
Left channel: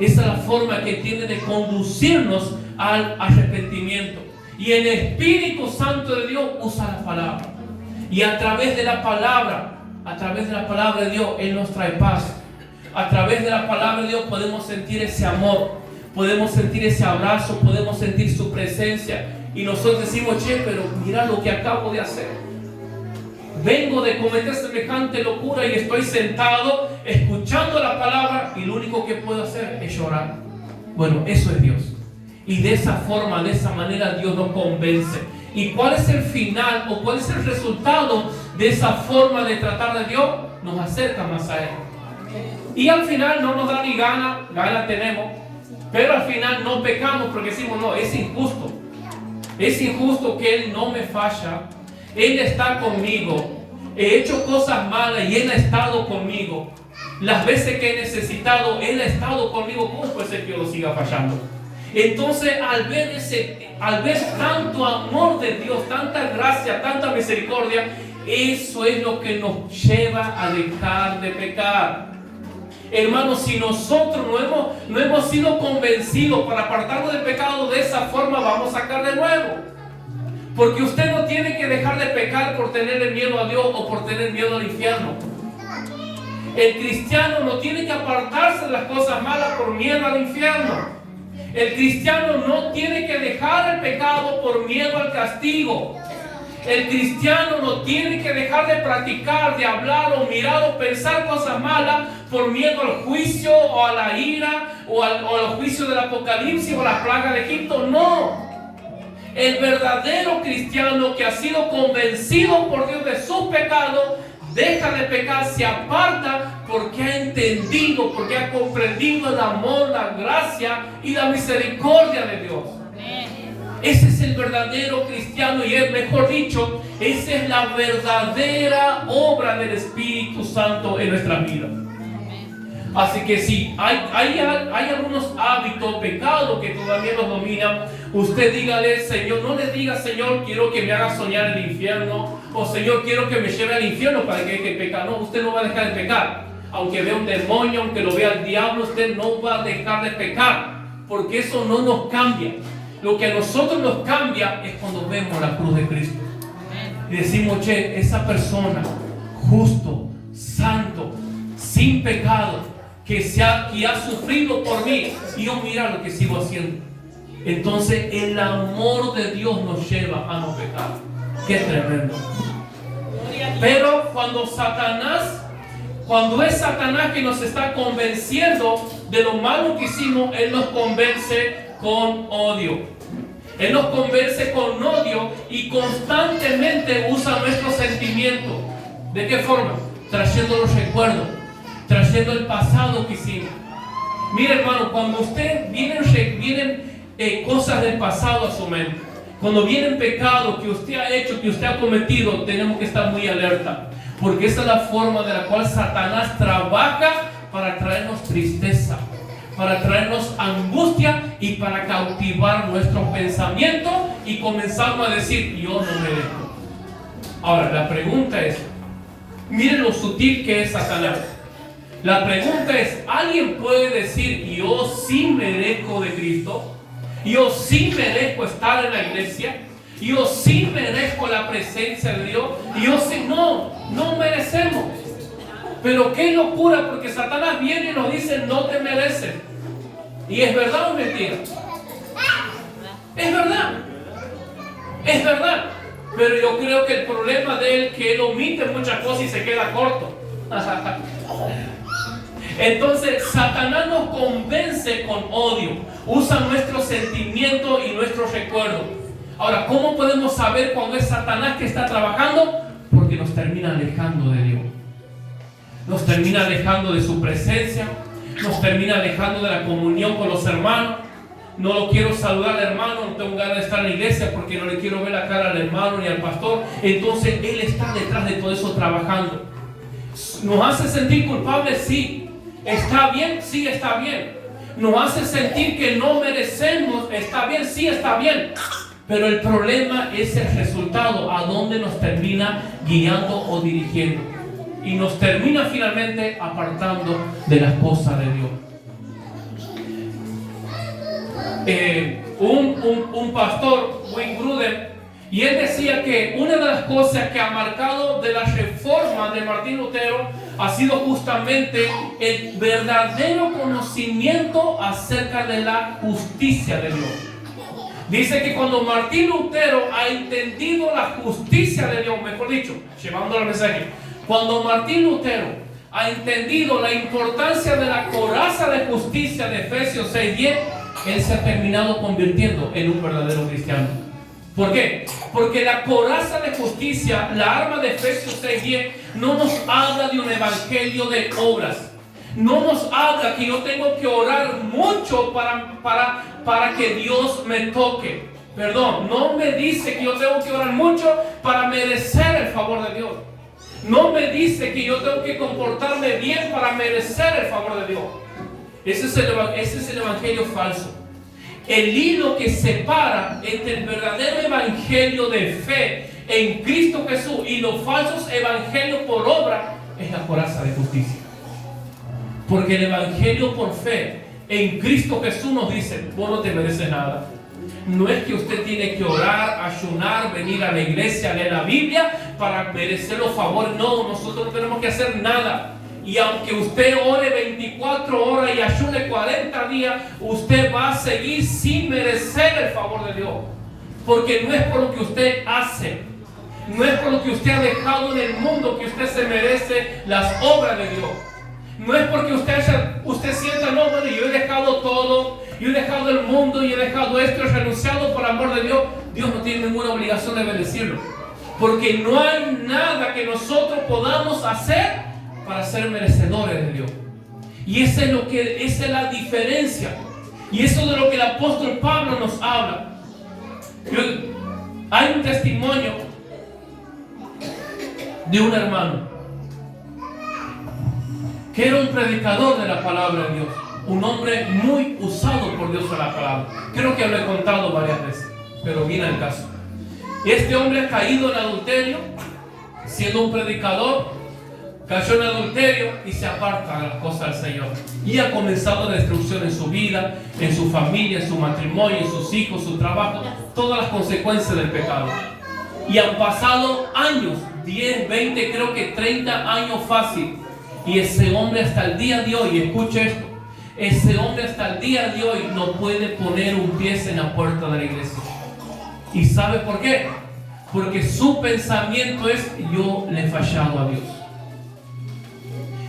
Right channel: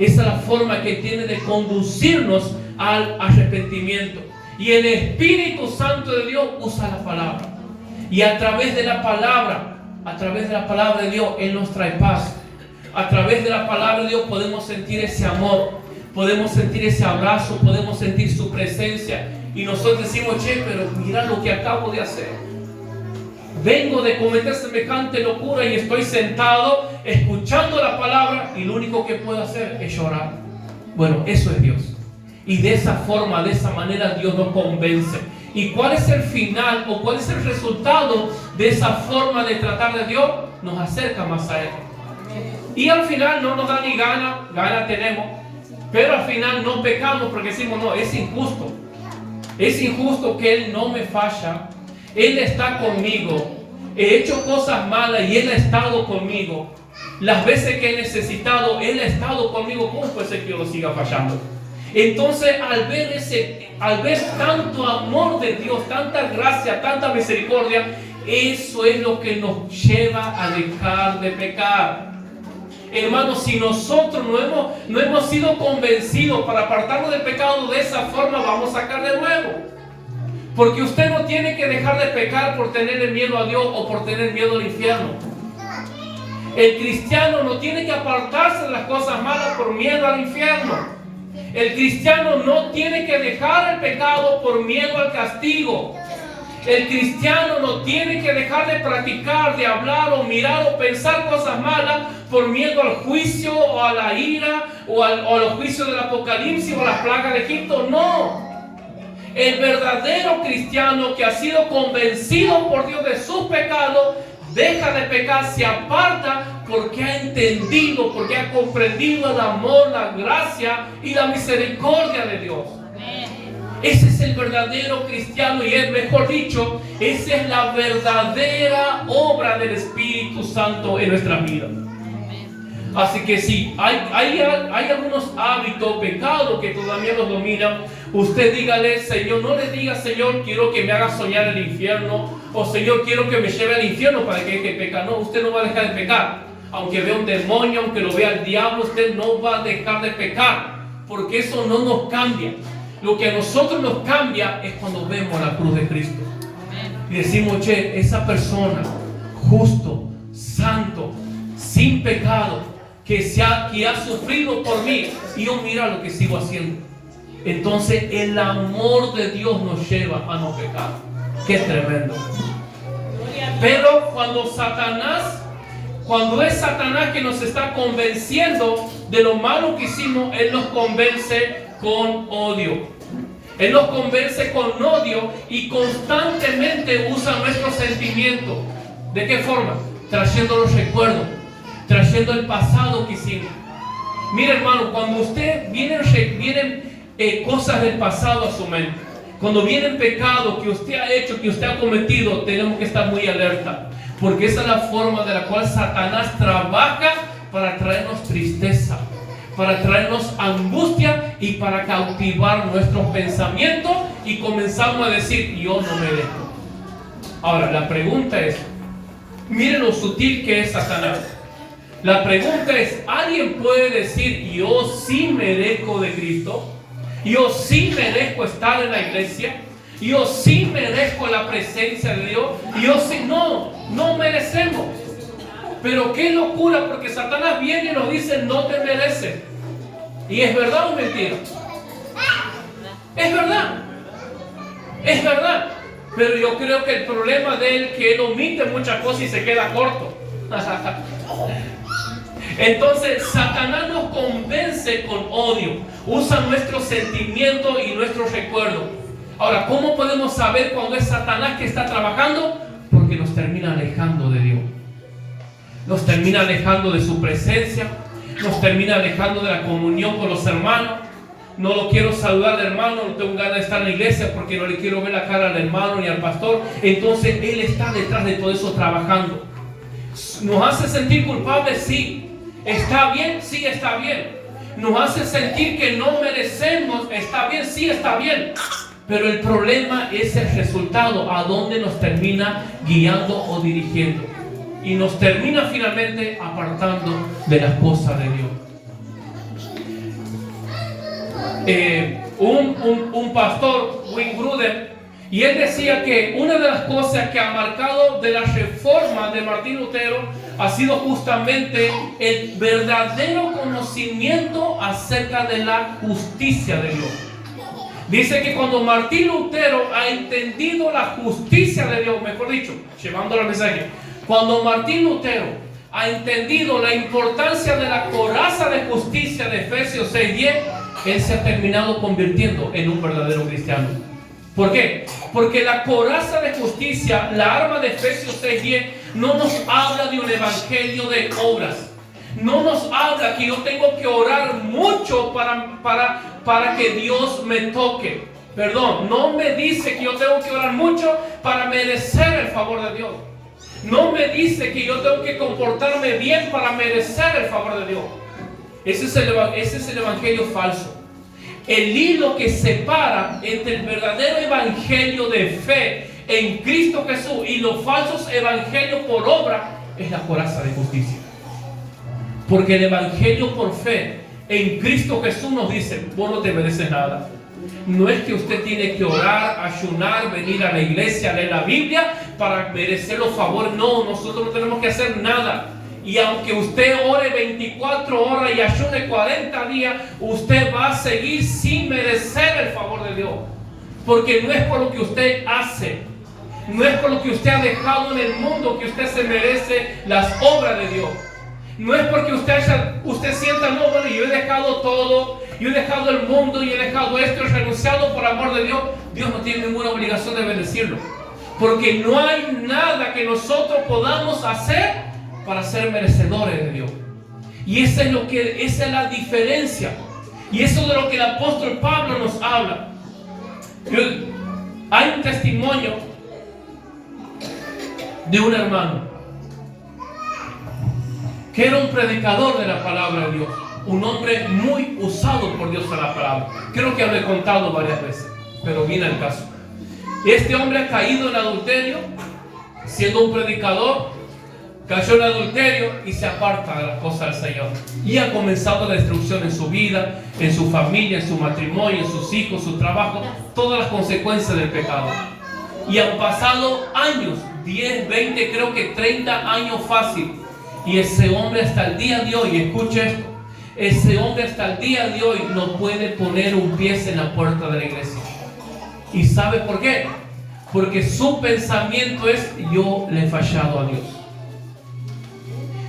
Esa es la forma que tiene de conducirnos al arrepentimiento. Y el Espíritu Santo de Dios usa la palabra. Y a través de la palabra de Dios, Él nos trae paz. A través de la palabra de Dios podemos sentir ese amor, podemos sentir ese abrazo, podemos sentir su presencia. Y nosotros decimos, che, pero mira lo que acabo de hacer. Vengo de cometer semejante locura y estoy sentado escuchando la palabra y lo único que puedo hacer es llorar. Bueno, eso es Dios. Y de esa forma, de esa manera Dios nos convence. ¿Y cuál es el final o cuál es el resultado de esa forma de tratar de Dios? Nos acerca más a Él. Y al final no nos da ni gana tenemos, pero al final no pecamos porque decimos, no, es injusto. Es injusto que Él no me falla. Él está conmigo. He hecho cosas malas y Él ha estado conmigo. Las veces que he necesitado, Él ha estado conmigo. ¿Cómo puede ser que yo lo siga fallando? Entonces, al ver tanto amor de Dios, tanta gracia, tanta misericordia, eso es lo que nos lleva a dejar de pecar. Hermanos, si nosotros no hemos sido convencidos para apartarnos del pecado, de esa forma vamos a caer de nuevo. Porque usted no tiene que dejar de pecar por tener miedo a Dios o por tener miedo al infierno. El cristiano no tiene que apartarse de las cosas malas por miedo al infierno. El cristiano no tiene que dejar el pecado por miedo al castigo. El cristiano no tiene que dejar de practicar, de hablar o mirar o pensar cosas malas por miedo al juicio o a la ira o al juicio del Apocalipsis o a las plagas de Egipto. No. El verdadero cristiano que ha sido convencido por Dios de sus pecados, deja de pecar, se aparta porque ha entendido, porque ha comprendido el amor, la gracia y la misericordia de Dios. Amén. Ese es el verdadero cristiano y es, mejor dicho, esa es la verdadera obra del Espíritu Santo en nuestra vida. Así que si hay algunos hábitos, pecados que todavía los dominan, usted dígale, Señor, no le diga, Señor, quiero que me haga soñar el infierno, o Señor, quiero que me lleve al infierno para que deje de pecar. No, usted no va a dejar de pecar. Aunque vea un demonio, aunque lo vea el diablo, usted no va a dejar de pecar, porque eso no nos cambia. Lo que a nosotros nos cambia es cuando vemos la cruz de Cristo. Y decimos, che, esa persona, justo, santo, sin pecado, que ha sufrido por mí, y yo mira lo que sigo haciendo. Entonces el amor de Dios nos lleva a no pecar. Qué tremendo. Pero cuando es Satanás que nos está convenciendo de lo malo que hicimos, él nos convence con odio. Él nos convence con odio y constantemente usa nuestros sentimientos. ¿De qué forma? Trayendo los recuerdos, trayendo el pasado que hicimos. Mire, hermano, cuando usted vienen cosas del pasado a su mente, cuando vienen pecados que usted ha hecho, que usted ha cometido, tenemos que estar muy alerta, porque esa es la forma de la cual Satanás trabaja para traernos tristeza, para traernos angustia y para cautivar nuestros pensamientos, y comenzamos a decir, yo no merezco. Ahora, la pregunta es, miren lo sutil que es Satanás. La pregunta es, ¿alguien puede decir, yo sí merezco de Cristo? ¿Yo sí merezco estar en la iglesia? ¿Yo sí merezco la presencia de Dios? ¿Yo sí? No merecemos. Pero qué locura, porque Satanás viene y nos dice, no te mereces. ¿Y es verdad o mentira? Es verdad. Es verdad. Pero yo creo que el problema de él es que él omite muchas cosas y se queda corto. Entonces Satanás nos convence con odio, usa nuestros sentimientos y nuestros recuerdos. Ahora, ¿cómo podemos saber cuando es Satanás que está trabajando? Porque nos termina alejando de Dios, nos termina alejando de su presencia, nos termina alejando de la comunión con los hermanos. No lo quiero saludar al hermano, no tengo ganas de estar en la iglesia porque no le quiero ver la cara al hermano ni al pastor. Entonces él está detrás de todo eso trabajando. ¿Nos hace sentir culpables? Sí. ¿Está bien? Sí, está bien. ¿Nos hace sentir que no merecemos? ¿Está bien? Sí, está bien. Pero el problema es el resultado, a dónde nos termina guiando o dirigiendo. Y nos termina finalmente apartando de las cosas de Dios. Un pastor, Wayne Grudem, y él decía que una de las cosas que ha marcado de la reforma de Martín Lutero ha sido justamente el verdadero conocimiento acerca de la justicia de Dios. Dice que cuando Martín Lutero ha entendido la justicia de Dios, mejor dicho, llevándolo al mensaje, cuando Martín Lutero ha entendido la importancia de la coraza de justicia de Efesios 6:10, él se ha terminado convirtiendo en un verdadero cristiano. ¿Por qué? Porque la coraza de justicia, la arma de Efesios 6:10, no nos habla de un evangelio de obras. No nos habla que yo tengo que orar mucho para que Dios me toque. Perdón, no me dice que yo tengo que orar mucho para merecer el favor de Dios. No me dice que yo tengo que comportarme bien para merecer el favor de Dios. Ese es el evangelio falso. El hilo que separa entre el verdadero evangelio de fe en Cristo Jesús y los falsos evangelios por obra es la coraza de justicia. Porque el evangelio por fe en Cristo Jesús nos dice, vos no te mereces nada. No es que usted tiene que orar, ayunar, venir a la iglesia, leer la Biblia para merecer los favores. No, nosotros no tenemos que hacer nada. Y aunque usted ore 24 horas y ayune 40 días, usted va a seguir sin merecer el favor de Dios. Porque no es por lo que usted hace, no es por lo que usted ha dejado en el mundo que usted se merece las obras de Dios. No es porque usted sienta, no, bueno, yo he dejado todo, yo he dejado el mundo, yo he dejado esto, he renunciado por amor de Dios. Dios no tiene ninguna obligación de bendecirlo. Porque no hay nada que nosotros podamos hacer para ser merecedores de Dios. Y esa es la diferencia. Y eso es de lo que el apóstol Pablo nos habla. Hay un testimonio de un hermano que era un predicador de la palabra de Dios, un hombre muy usado por Dios en la palabra. Creo que lo he contado varias veces, pero viene al caso. Este hombre ha caído en adulterio, siendo un predicador, cayó en adulterio y se aparta de las cosas del Señor. Y ha comenzado la destrucción en su vida, en su familia, en su matrimonio, en sus hijos, su trabajo, todas las consecuencias del pecado. Y han pasado años, 10, 20, creo que 30 años fácil. Y ese hombre hasta el día de hoy, escuche esto, ese hombre hasta el día de hoy no puede poner un pie en la puerta de la iglesia. ¿Y sabe por qué? Porque su pensamiento es: yo le he fallado a Dios.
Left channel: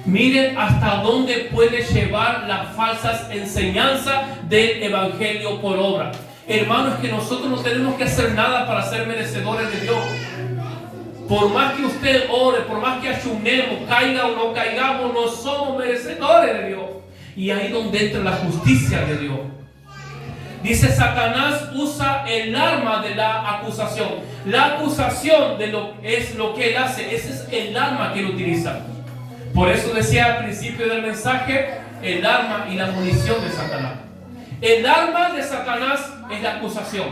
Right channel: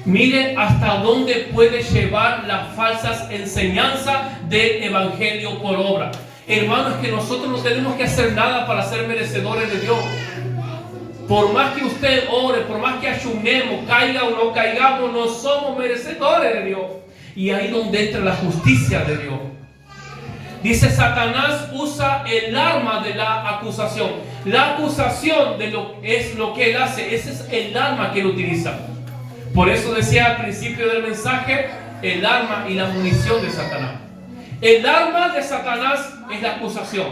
Mire hasta dónde puede llevar las falsas enseñanzas del evangelio por obra. Hermanos, que nosotros no tenemos que hacer nada para ser merecedores de Dios. Por más que usted ore, por más que ayunemos, caiga o no caigamos, no somos merecedores de Dios. Y ahí es donde entra la justicia de Dios. Dice, Satanás usa el arma de la acusación. La acusación es lo que él hace. Ese es el arma que él utiliza. Por eso decía al principio del mensaje, el arma y la munición de Satanás. El arma de Satanás es la acusación.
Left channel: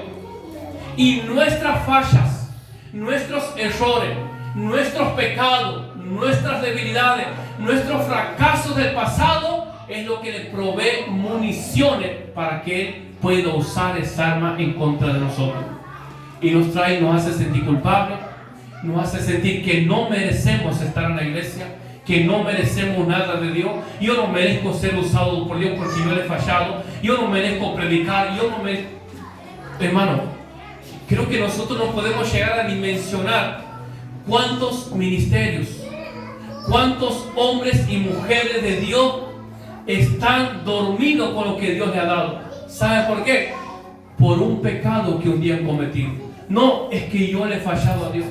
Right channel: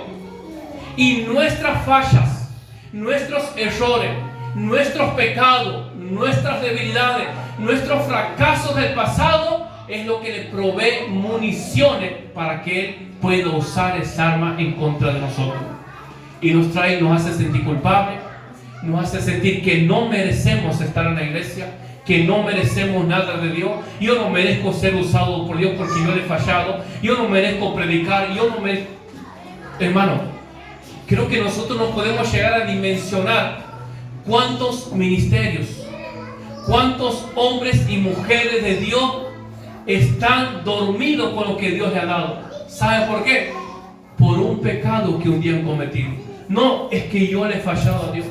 Y nuestras fallas, nuestros errores, nuestros pecados, nuestras debilidades, nuestros fracasos del pasado es lo que le provee municiones para que él pueda usar esa arma en contra de nosotros. Y nos hace sentir culpables, nos hace sentir que no merecemos estar en la iglesia, que no merecemos nada de Dios. Yo no merezco ser usado por Dios porque yo le he fallado. Yo no merezco predicar. Hermano, creo que nosotros no podemos llegar a dimensionar cuántos ministerios, cuántos hombres y mujeres de Dios están dormidos con lo que Dios le ha dado. ¿Sabe por qué? Por un pecado que un día han cometido. No es que yo le he fallado a Dios.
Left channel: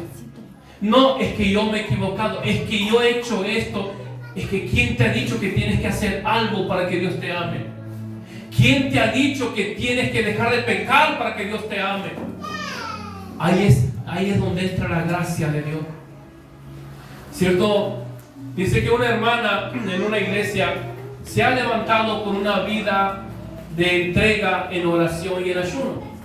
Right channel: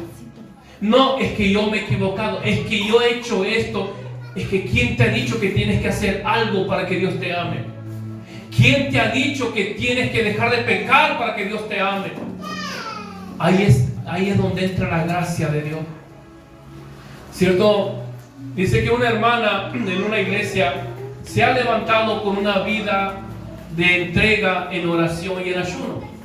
No es que yo me he equivocado. Es que yo he hecho esto. Es que ¿quién te ha dicho que tienes que hacer algo para que Dios te ame? ¿Quién te ha dicho que tienes que dejar de pecar para que Dios te ame? Ahí es donde entra la gracia de Dios. ¿Cierto? Dice que una hermana en una iglesia se ha levantado con una vida de entrega en oración y en ayuno.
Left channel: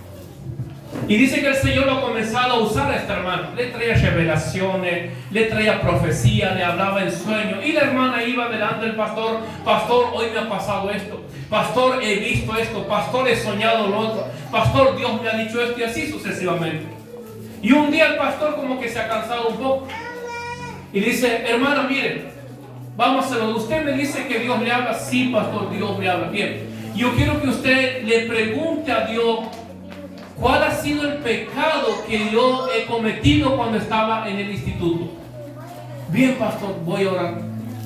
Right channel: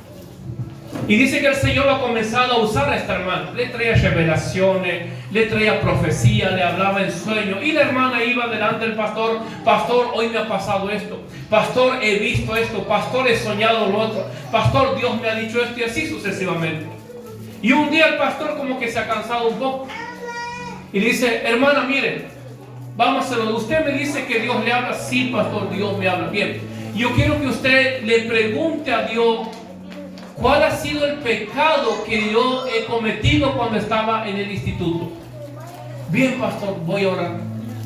Y dice que el Señor lo ha comenzado a usar a esta hermana. Le traía revelaciones, le traía profecía, le hablaba en sueños. Y la hermana iba delante del pastor: pastor, hoy me ha pasado esto. Pastor, he visto esto. Pastor, he soñado lo otro. Pastor, Dios me ha dicho esto, y así sucesivamente. Y un día el pastor como que se ha cansado un poco. Y dice: hermana, mire, vamos a hacerlo. Usted me dice que Dios le habla. Sí, pastor, Dios me habla. Bien, yo quiero que usted le pregunte a Dios cuál ha sido el pecado que yo he cometido cuando estaba en el instituto. Bien, pastor, voy a orar.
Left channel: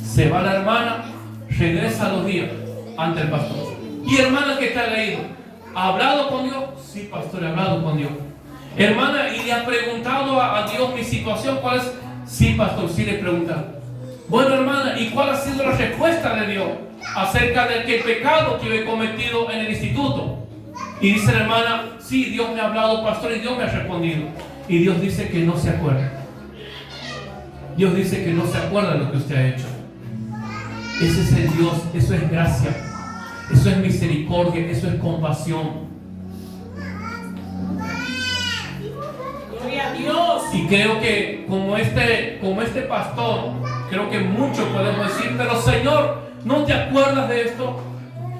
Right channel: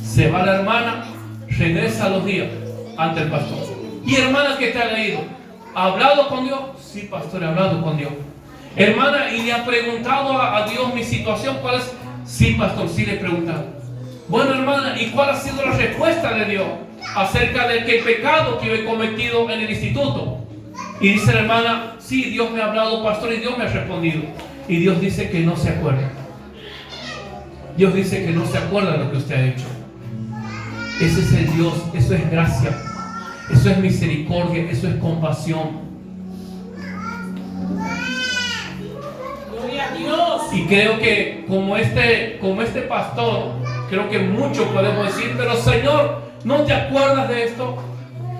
Se va la hermana, regresa a los días ante el pastor. Y hermana, ¿qué te ha leído? ¿Ha hablado con Dios? Sí, pastor, he hablado con Dios. Hermana, ¿y le ha preguntado a Dios mi situación? ¿Cuál es? Sí, pastor, sí le he preguntado. Bueno, hermana, ¿y cuál ha sido la respuesta de Dios acerca del pecado que yo he cometido en el instituto? Y dice la hermana: sí, Dios me ha hablado, pastor, y Dios me ha respondido. Y Dios dice que no se acuerda. Dios dice que no se acuerda de lo que usted ha hecho. Ese es el Dios, eso es gracia, eso es misericordia, eso es compasión. Gloria a Dios. Y creo que como este pastor, creo que muchos podemos decir: pero Señor, ¿no te acuerdas de esto?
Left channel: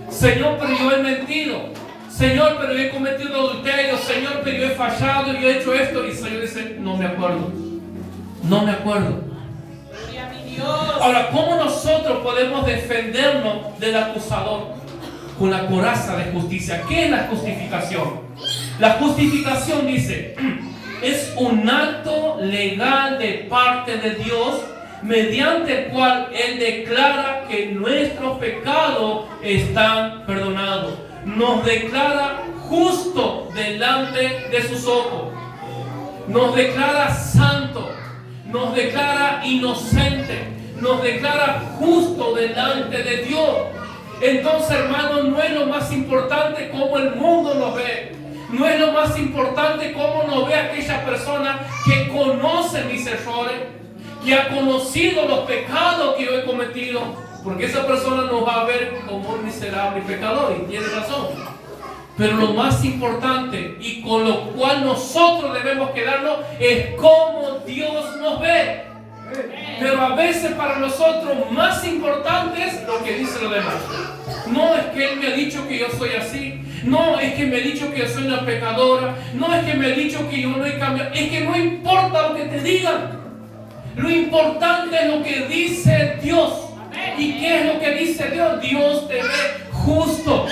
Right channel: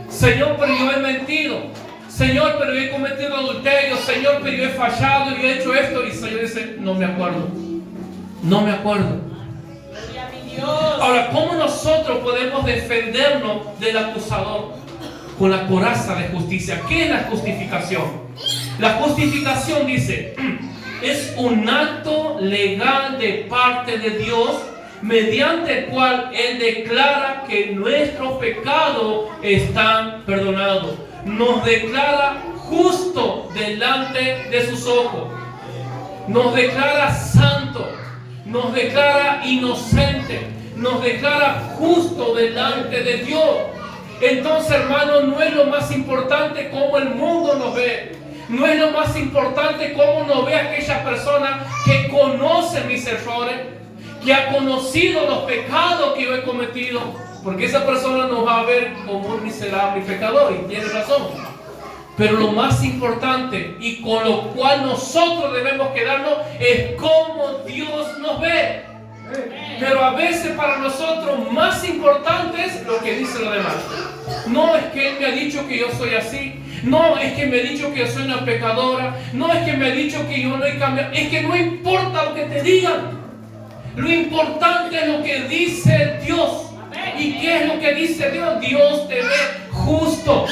Señor, pero yo he mentido. Señor, pero yo he cometido adulterio. Señor, pero yo he fallado, yo he hecho esto. Y el Señor dice: no me acuerdo. No me acuerdo. Ahora, ¿cómo nosotros podemos defendernos del acusador? Con la coraza de justicia. ¿Qué es la justificación? La justificación, dice, es un acto legal de parte de Dios mediante el cual Él declara que nuestros pecados están perdonados. Nos declara justo delante de sus ojos. Nos declara santo. Nos declara inocente. Nos declara justo delante de Dios. Entonces, hermanos, no es lo más importante cómo el mundo nos ve. No es lo más importante cómo nos ve aquella persona que conoce mis errores, que ha conocido los pecados que yo he cometido, porque esa persona nos va a ver como un miserable pecador, y tiene razón. Pero lo más importante y con lo cual nosotros debemos quedarnos es cómo Dios nos ve. Pero a veces para nosotros más importante es lo que dicen los demás. No es que Él me ha dicho que yo soy así. No es que me ha dicho que yo soy una pecadora. No es que me ha dicho que yo no he cambiado. Es que no importa lo que te digan. Lo importante es lo que dice Dios. ¿Y qué es lo que dice Dios? Dios te ve justo.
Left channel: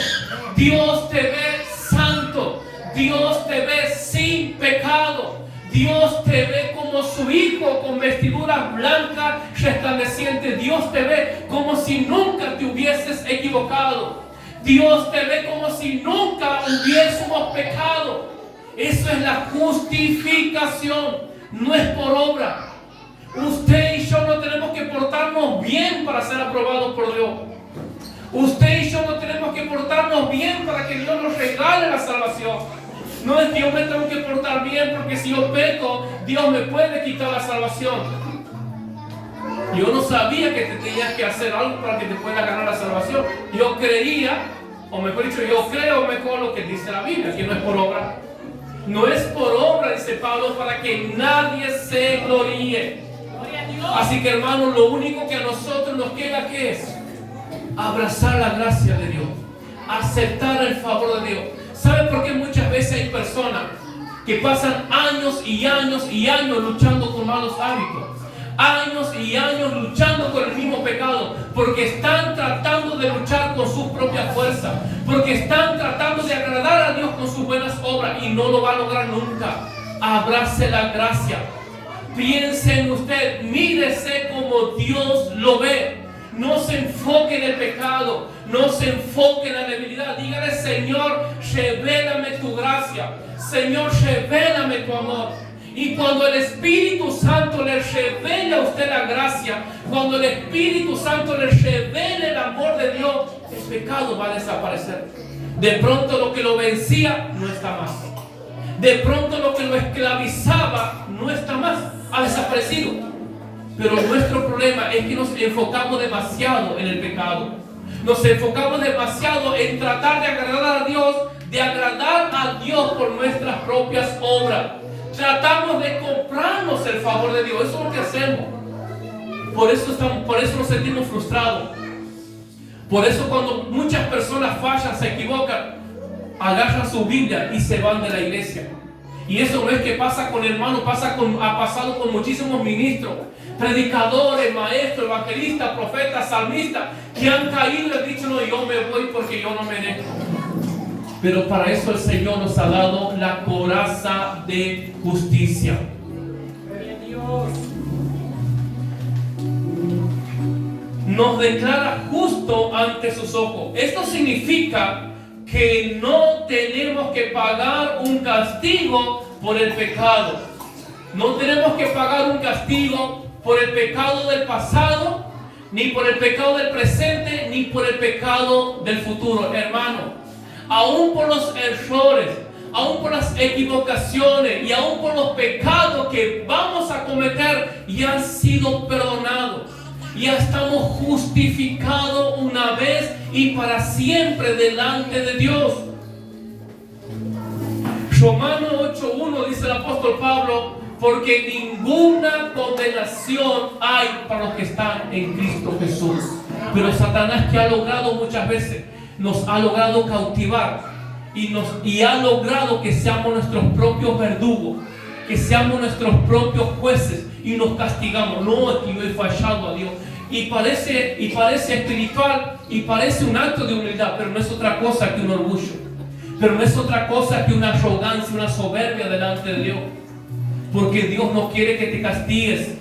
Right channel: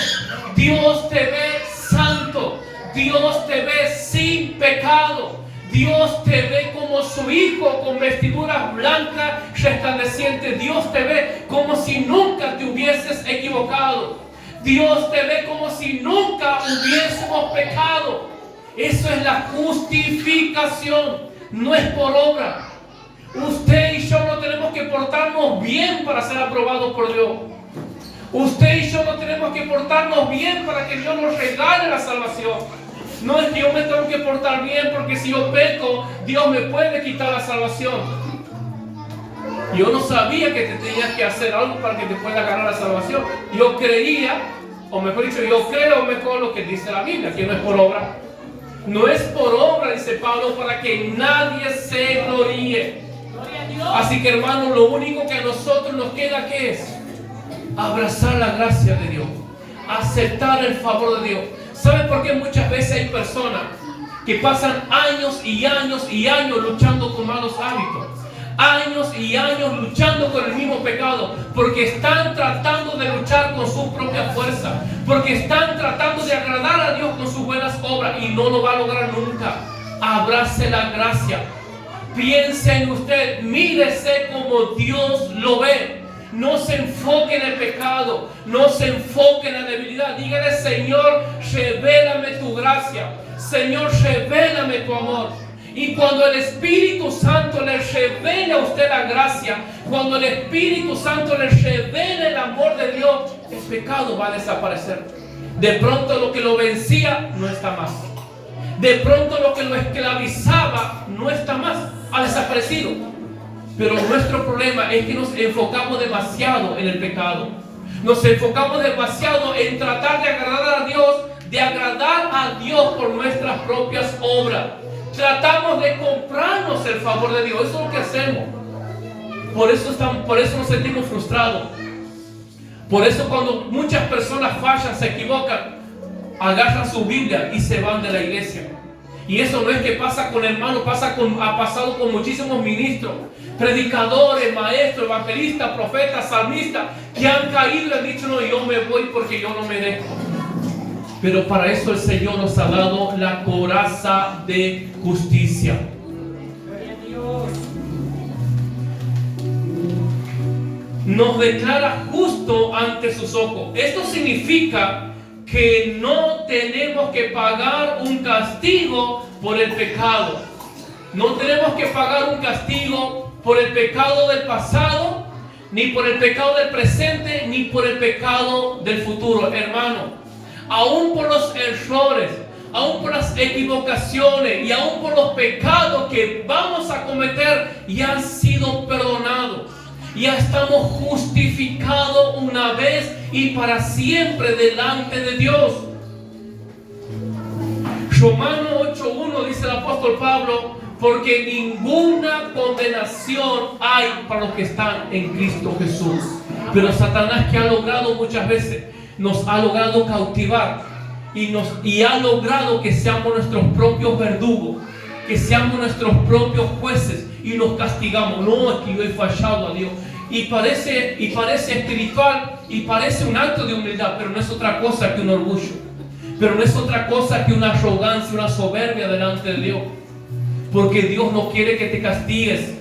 Dios te ve santo. Dios te ve sin pecado. Dios te ve como su hijo con vestiduras blancas resplandecientes. Dios te ve como si nunca te hubieses equivocado. Dios te ve como si nunca hubiésemos pecado. Eso es la justificación. No es por obra. Usted y yo no tenemos que portarnos bien para ser aprobados por Dios. Usted y yo no tenemos que portarnos bien para que Dios nos regale la salvación. No es que yo me tengo que portar bien porque si yo peco, Dios me puede quitar la salvación. Yo no sabía que te tenías que hacer algo para que te pueda ganar la salvación. Yo creía, o mejor dicho, yo creo mejor lo que dice la Biblia, que no es por obra. No es por obra, dice Pablo, para que nadie se gloríe. Así que, hermano, lo único que a nosotros nos queda, ¿qué es? Abrazar la gracia de Dios. Aceptar el favor de Dios. ¿Sabe por qué muchas veces hay personas que pasan años y años y años luchando con malos hábitos? Años y años luchando con el mismo pecado, porque están tratando de luchar con su propia fuerza, porque están tratando de agradar a Dios con sus buenas obras y no lo va a lograr nunca. Abrace la gracia. Piense en usted, mírese como Dios lo ve. No se enfoque en el pecado, no se enfoque en la debilidad. Dígale: Señor, revélame tu gracia. Señor, revélame tu amor. Y cuando el Espíritu Santo le revele a usted la gracia, cuando el Espíritu Santo le revele el amor de Dios, el pecado va a desaparecer. De pronto lo que lo vencía no está más. De pronto lo que lo esclavizaba no está más, ha desaparecido. Pero nuestro problema es que nos enfocamos demasiado en el pecado. Nos enfocamos demasiado en tratar de agradar a Dios por nuestras propias obras. Tratamos de comprarnos el favor de Dios. Eso es lo que hacemos. Por eso nos sentimos frustrados. Por eso cuando muchas personas fallan, se equivocan, agarran su Biblia y se van de la iglesia. Y eso no es que pasa con hermanos, ha pasado con muchísimos ministros, predicadores, maestros, evangelistas, profetas, salmistas, que han caído y han dicho: no, yo me voy porque yo no me dejo. Pero para eso el Señor nos ha dado la coraza de justicia. Nos declara justo ante sus ojos. Esto significa que no tenemos que pagar un castigo por el pecado. No tenemos que pagar un castigo por el pecado del pasado, ni por el pecado del presente, ni por el pecado del futuro. Hermano, aún por los errores, aún por las equivocaciones y aún por los pecados que vamos a cometer, ya han sido perdonados. Ya estamos justificados una vez y para siempre delante de Dios. Romanos 8:1 dice el apóstol Pablo: porque ninguna condenación hay para los que están en Cristo Jesús. Pero Satanás, que ha logrado muchas veces, nos ha logrado cautivar y ha logrado que seamos nuestros propios verdugos. que seamos nuestros propios jueces y nos castigamos. No, es que yo he fallado a Dios. Y parece espiritual y parece un acto de humildad, pero no es otra cosa que un orgullo. Pero no es otra cosa que una arrogancia, una soberbia delante de Dios. Porque Dios no quiere que te castigues.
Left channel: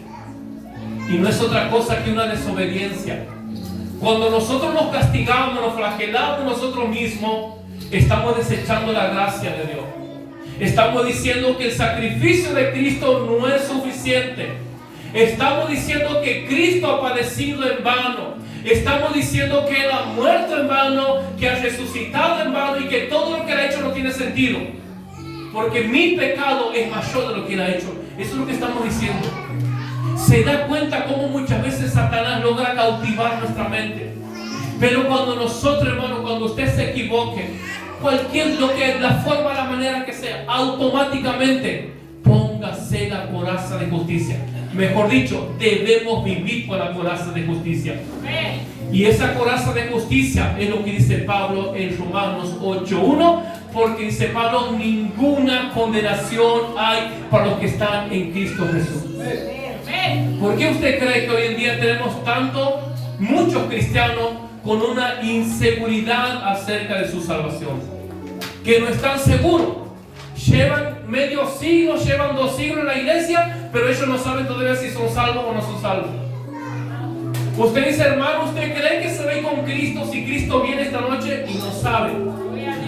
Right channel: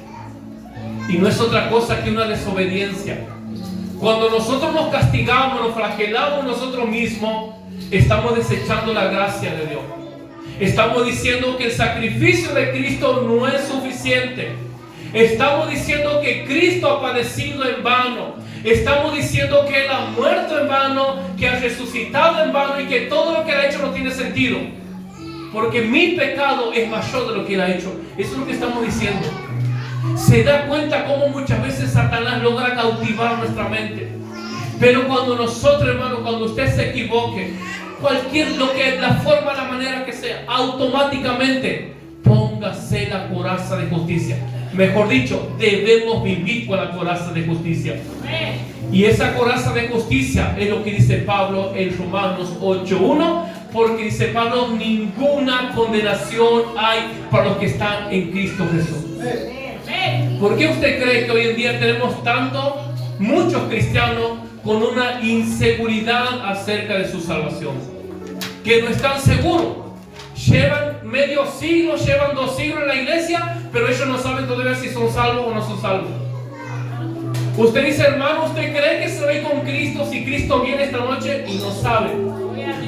Y no es otra cosa que una desobediencia. Cuando nosotros nos castigamos, nos flagelamos nosotros mismos, estamos desechando la gracia de Dios. Estamos diciendo que el sacrificio de Cristo no es suficiente. Estamos diciendo que Cristo ha padecido en vano. Estamos diciendo que Él ha muerto en vano, que ha resucitado en vano y que todo lo que Él ha hecho no tiene sentido. Porque mi pecado es mayor de lo que Él ha hecho. Eso es lo que estamos diciendo. Se da cuenta cómo muchas veces Satanás logra cautivar nuestra mente. Pero cuando nosotros, hermano, cuando usted se equivoque, la forma, la manera que sea, automáticamente póngase la coraza de justicia. Mejor dicho, debemos vivir con la coraza de justicia. Y esa coraza de justicia es lo que dice Pablo en Romanos 8:1, porque dice Pablo, ninguna condenación hay para los que están en Cristo Jesús. ¿Por qué usted cree que hoy en día tenemos muchos cristianos con una inseguridad acerca de su salvación? Que no están seguros. Llevan medio siglo, llevan 2 siglos en la iglesia, pero ellos no saben todavía si son salvos o no son salvos. Usted dice, hermano, ¿usted cree que se ve con Cristo si Cristo viene esta noche? Y no sabe.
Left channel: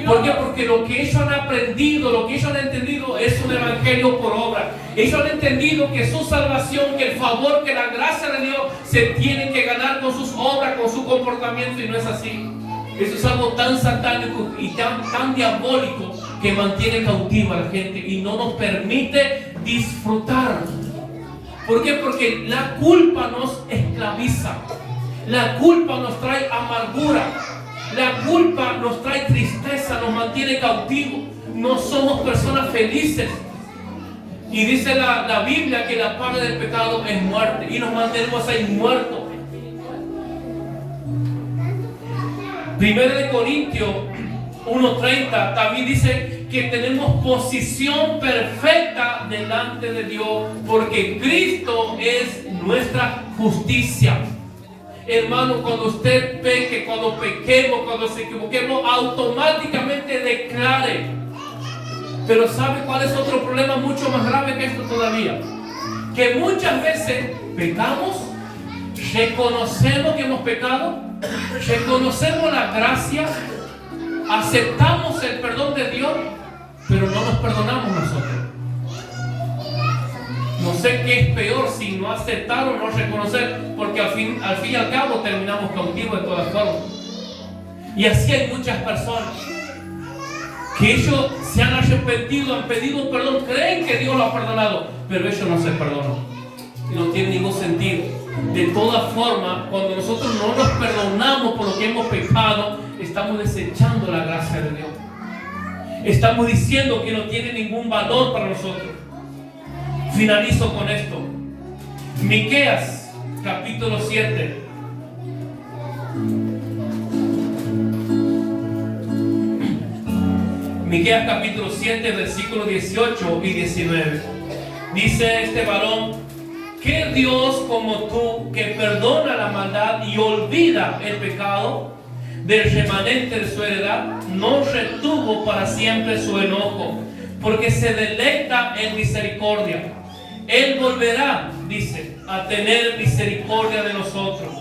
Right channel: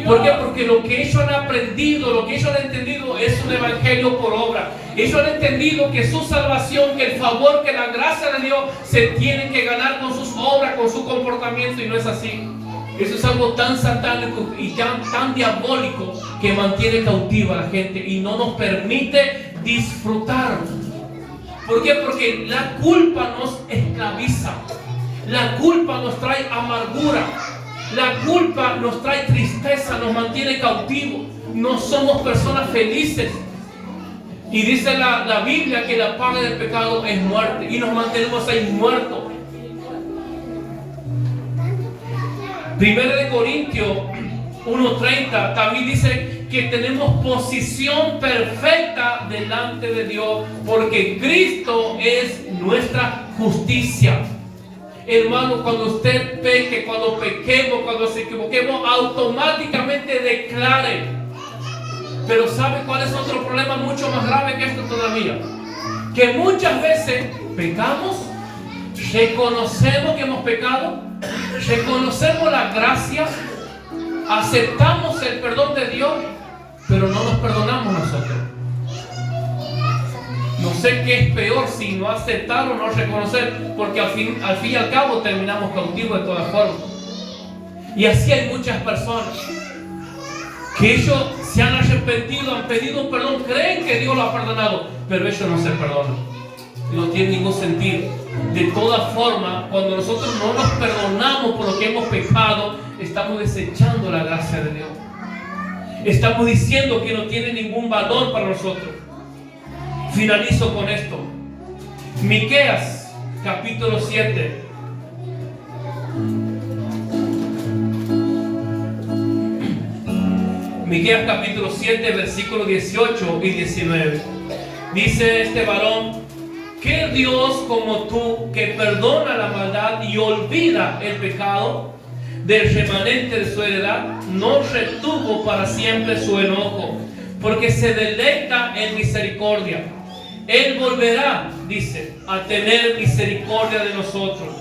¿Por qué? Porque lo que ellos han aprendido, lo que ellos han entendido es un evangelio por obra. Ellos han entendido que su salvación, que el favor, que la gracia de Dios se tiene que ganar con sus obras, con su comportamiento, y no es así. Eso es algo tan satánico y tan diabólico que mantiene cautiva a la gente y no nos permite disfrutar. ¿Por qué? Porque la culpa nos esclaviza. La culpa nos trae amargura. La culpa nos trae tristeza, nos mantiene cautivos. No somos personas felices. Y dice la Biblia que la paga del pecado es muerte. Y nos mantenemos ahí muertos. 1 Corintios 1:30 también dice que tenemos posición perfecta delante de Dios porque Cristo es nuestra justicia. Hermano, cuando usted peque, cuando pequemos, cuando se equivoquemos, automáticamente declare. Pero ¿sabe cuál es otro problema mucho más grave que esto todavía? Que muchas veces pecamos, reconocemos que hemos pecado, reconocemos la gracia, aceptamos el perdón de Dios, pero no nos perdonamos nosotros. No sé qué es peor, si no aceptar o no reconocer, porque al fin y al cabo terminamos cautivos de todas formas. Y así hay muchas personas que ellos se han arrepentido, han pedido un perdón, creen que Dios lo ha perdonado, pero ellos no se perdonan. No tiene ningún sentido. De todas formas, cuando nosotros no nos perdonamos por lo que hemos pecado, estamos desechando la gracia de Dios. Estamos diciendo que no tiene ningún valor para nosotros. Finalizo con esto. Miqueas, capítulo 7. Miqueas, capítulo 7, versículos 18 y 19. Dice este varón: ¿qué Dios como tú que perdona la maldad y olvida el pecado del remanente de su heredad, no retuvo para siempre su enojo, porque se deleita en misericordia? Él volverá, dice, a tener misericordia de nosotros.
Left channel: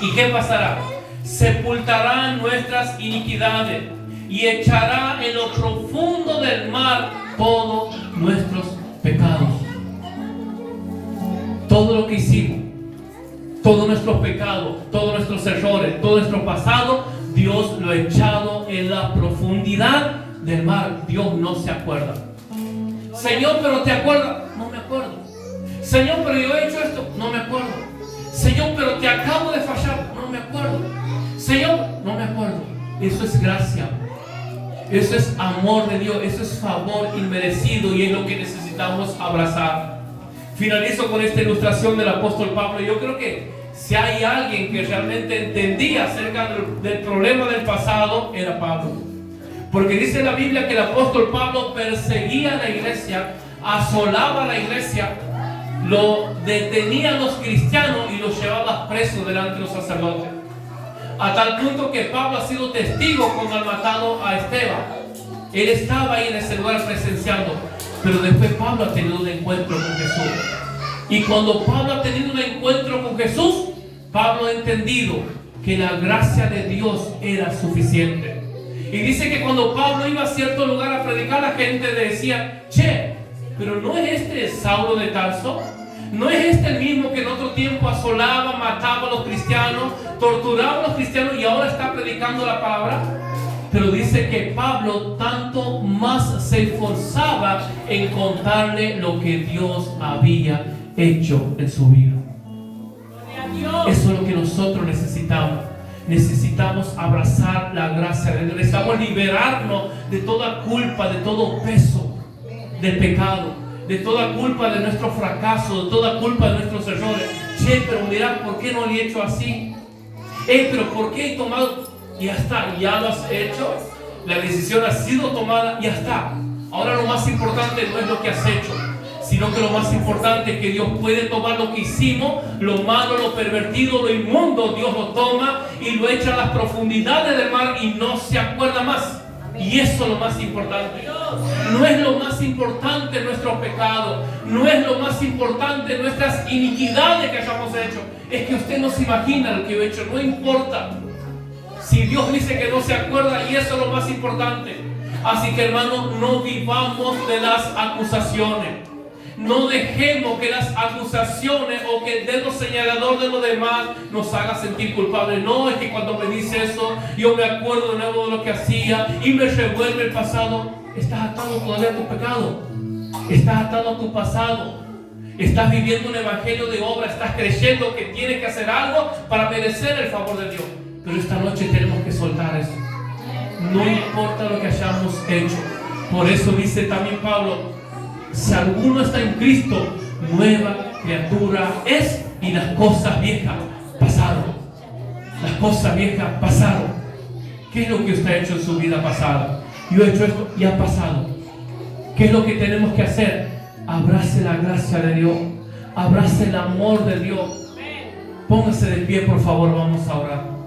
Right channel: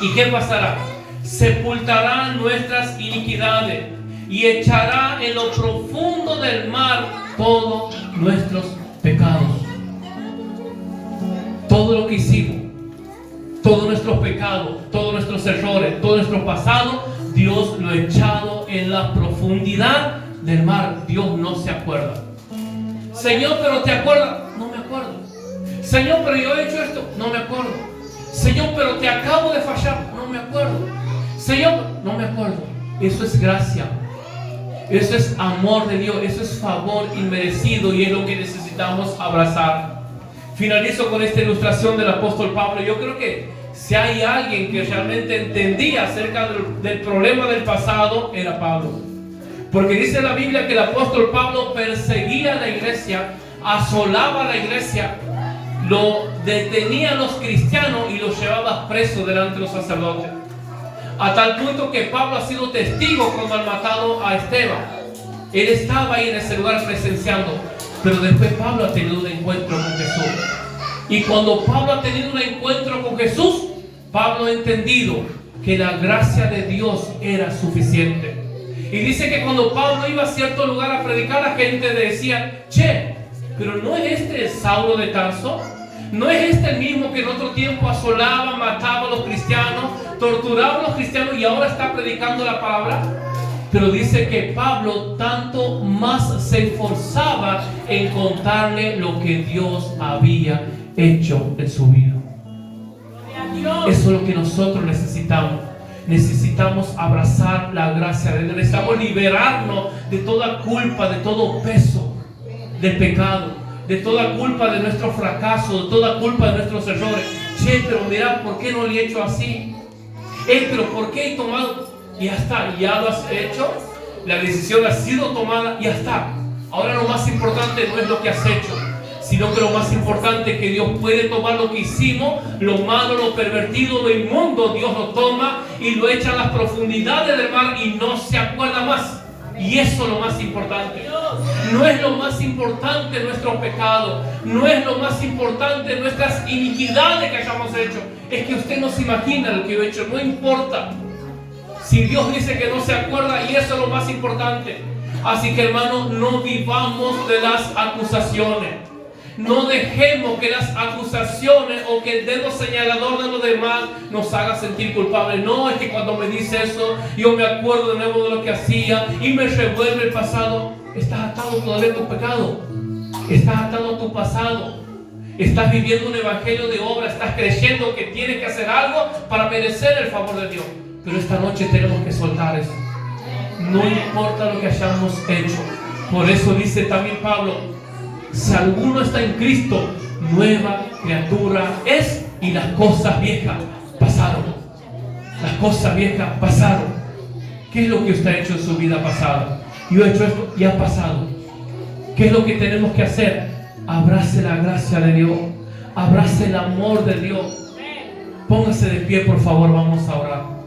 ¿Y qué pasará? Sepultará nuestras iniquidades y echará en lo profundo del mar todos nuestros pecados. Todo lo que hicimos, todos nuestros pecados, todos nuestros errores, todo nuestro pasado, Dios lo ha echado en la profundidad del mar. Dios no se acuerda. Señor, pero ¿te acuerdas? No me acuerdo. Señor, pero yo he hecho esto. No me acuerdo. Señor, pero te acabo de fallar. No me acuerdo. Señor, no me acuerdo. Eso es gracia. Eso es amor de Dios. Eso es favor inmerecido y es lo que necesitamos abrazar. Finalizo con esta ilustración del apóstol Pablo. Yo creo que si hay alguien que realmente entendía acerca del problema del pasado, era Pablo. Porque dice la Biblia que el apóstol Pablo perseguía a la iglesia asolaba la iglesia, lo detenían los cristianos y los llevaba presos delante de los sacerdotes. A tal punto que Pablo ha sido testigo cuando han matado a Esteban. Él estaba ahí en ese lugar presenciando. Pero después Pablo ha tenido un encuentro con Jesús. Y cuando Pablo ha tenido un encuentro con Jesús, Pablo ha entendido que la gracia de Dios era suficiente. Y dice que cuando Pablo iba a cierto lugar a predicar, la gente decía: che, pero ¿no es este el Saulo de Tarso? ¿No es este el mismo que en otro tiempo asolaba, mataba a los cristianos, torturaba a los cristianos y ahora está predicando la palabra? Pero dice que Pablo tanto más se esforzaba en contarle lo que Dios había hecho en su vida. Eso es lo que nosotros necesitamos. Necesitamos abrazar la gracia de Dios. Necesitamos liberarnos de toda culpa, de todo peso de pecado, de toda culpa de nuestro fracaso, de toda culpa de nuestros errores. Che, pero mira, ¿por qué no le he hecho así? Pero ¿por qué he tomado? Y ya está, ya lo has hecho. La decisión ha sido tomada, y ya está. Ahora lo más importante no es lo que has hecho, sino que lo más importante es que Dios puede tomar lo que hicimos, lo malo, lo pervertido, lo inmundo. Dios lo toma y lo echa a las profundidades del mar y no se acuerda más. Y eso es lo más importante. No es lo más importante nuestro pecado, no es lo más importante nuestras iniquidades que hayamos hecho. Es que usted no se imagina lo que he hecho, no importa. Si Dios dice que no se acuerda, y eso es lo más importante. Así que, hermanos, no vivamos de las acusaciones. No dejemos que las acusaciones o que el dedo señalador de los demás nos haga sentir culpables. No, es que cuando me dice eso, yo me acuerdo de nuevo de lo que hacía y me revuelve el pasado. Estás atado todavía a tu pecado. Estás atado a tu pasado. Estás viviendo un evangelio de obra. Estás creyendo que tienes que hacer algo para merecer el favor de Dios. Pero esta noche tenemos que soltar eso. No importa lo que hayamos hecho. Por eso dice también Pablo: si alguno está en Cristo, nueva criatura es, y las cosas viejas pasaron. Las cosas viejas pasaron. ¿Qué es lo que usted ha hecho en su vida pasada? Yo he hecho esto y ha pasado. ¿Qué es lo que tenemos que hacer? Abrace la gracia de Dios. Abrace el amor de Dios. Póngase de pie, por favor, vamos a orar.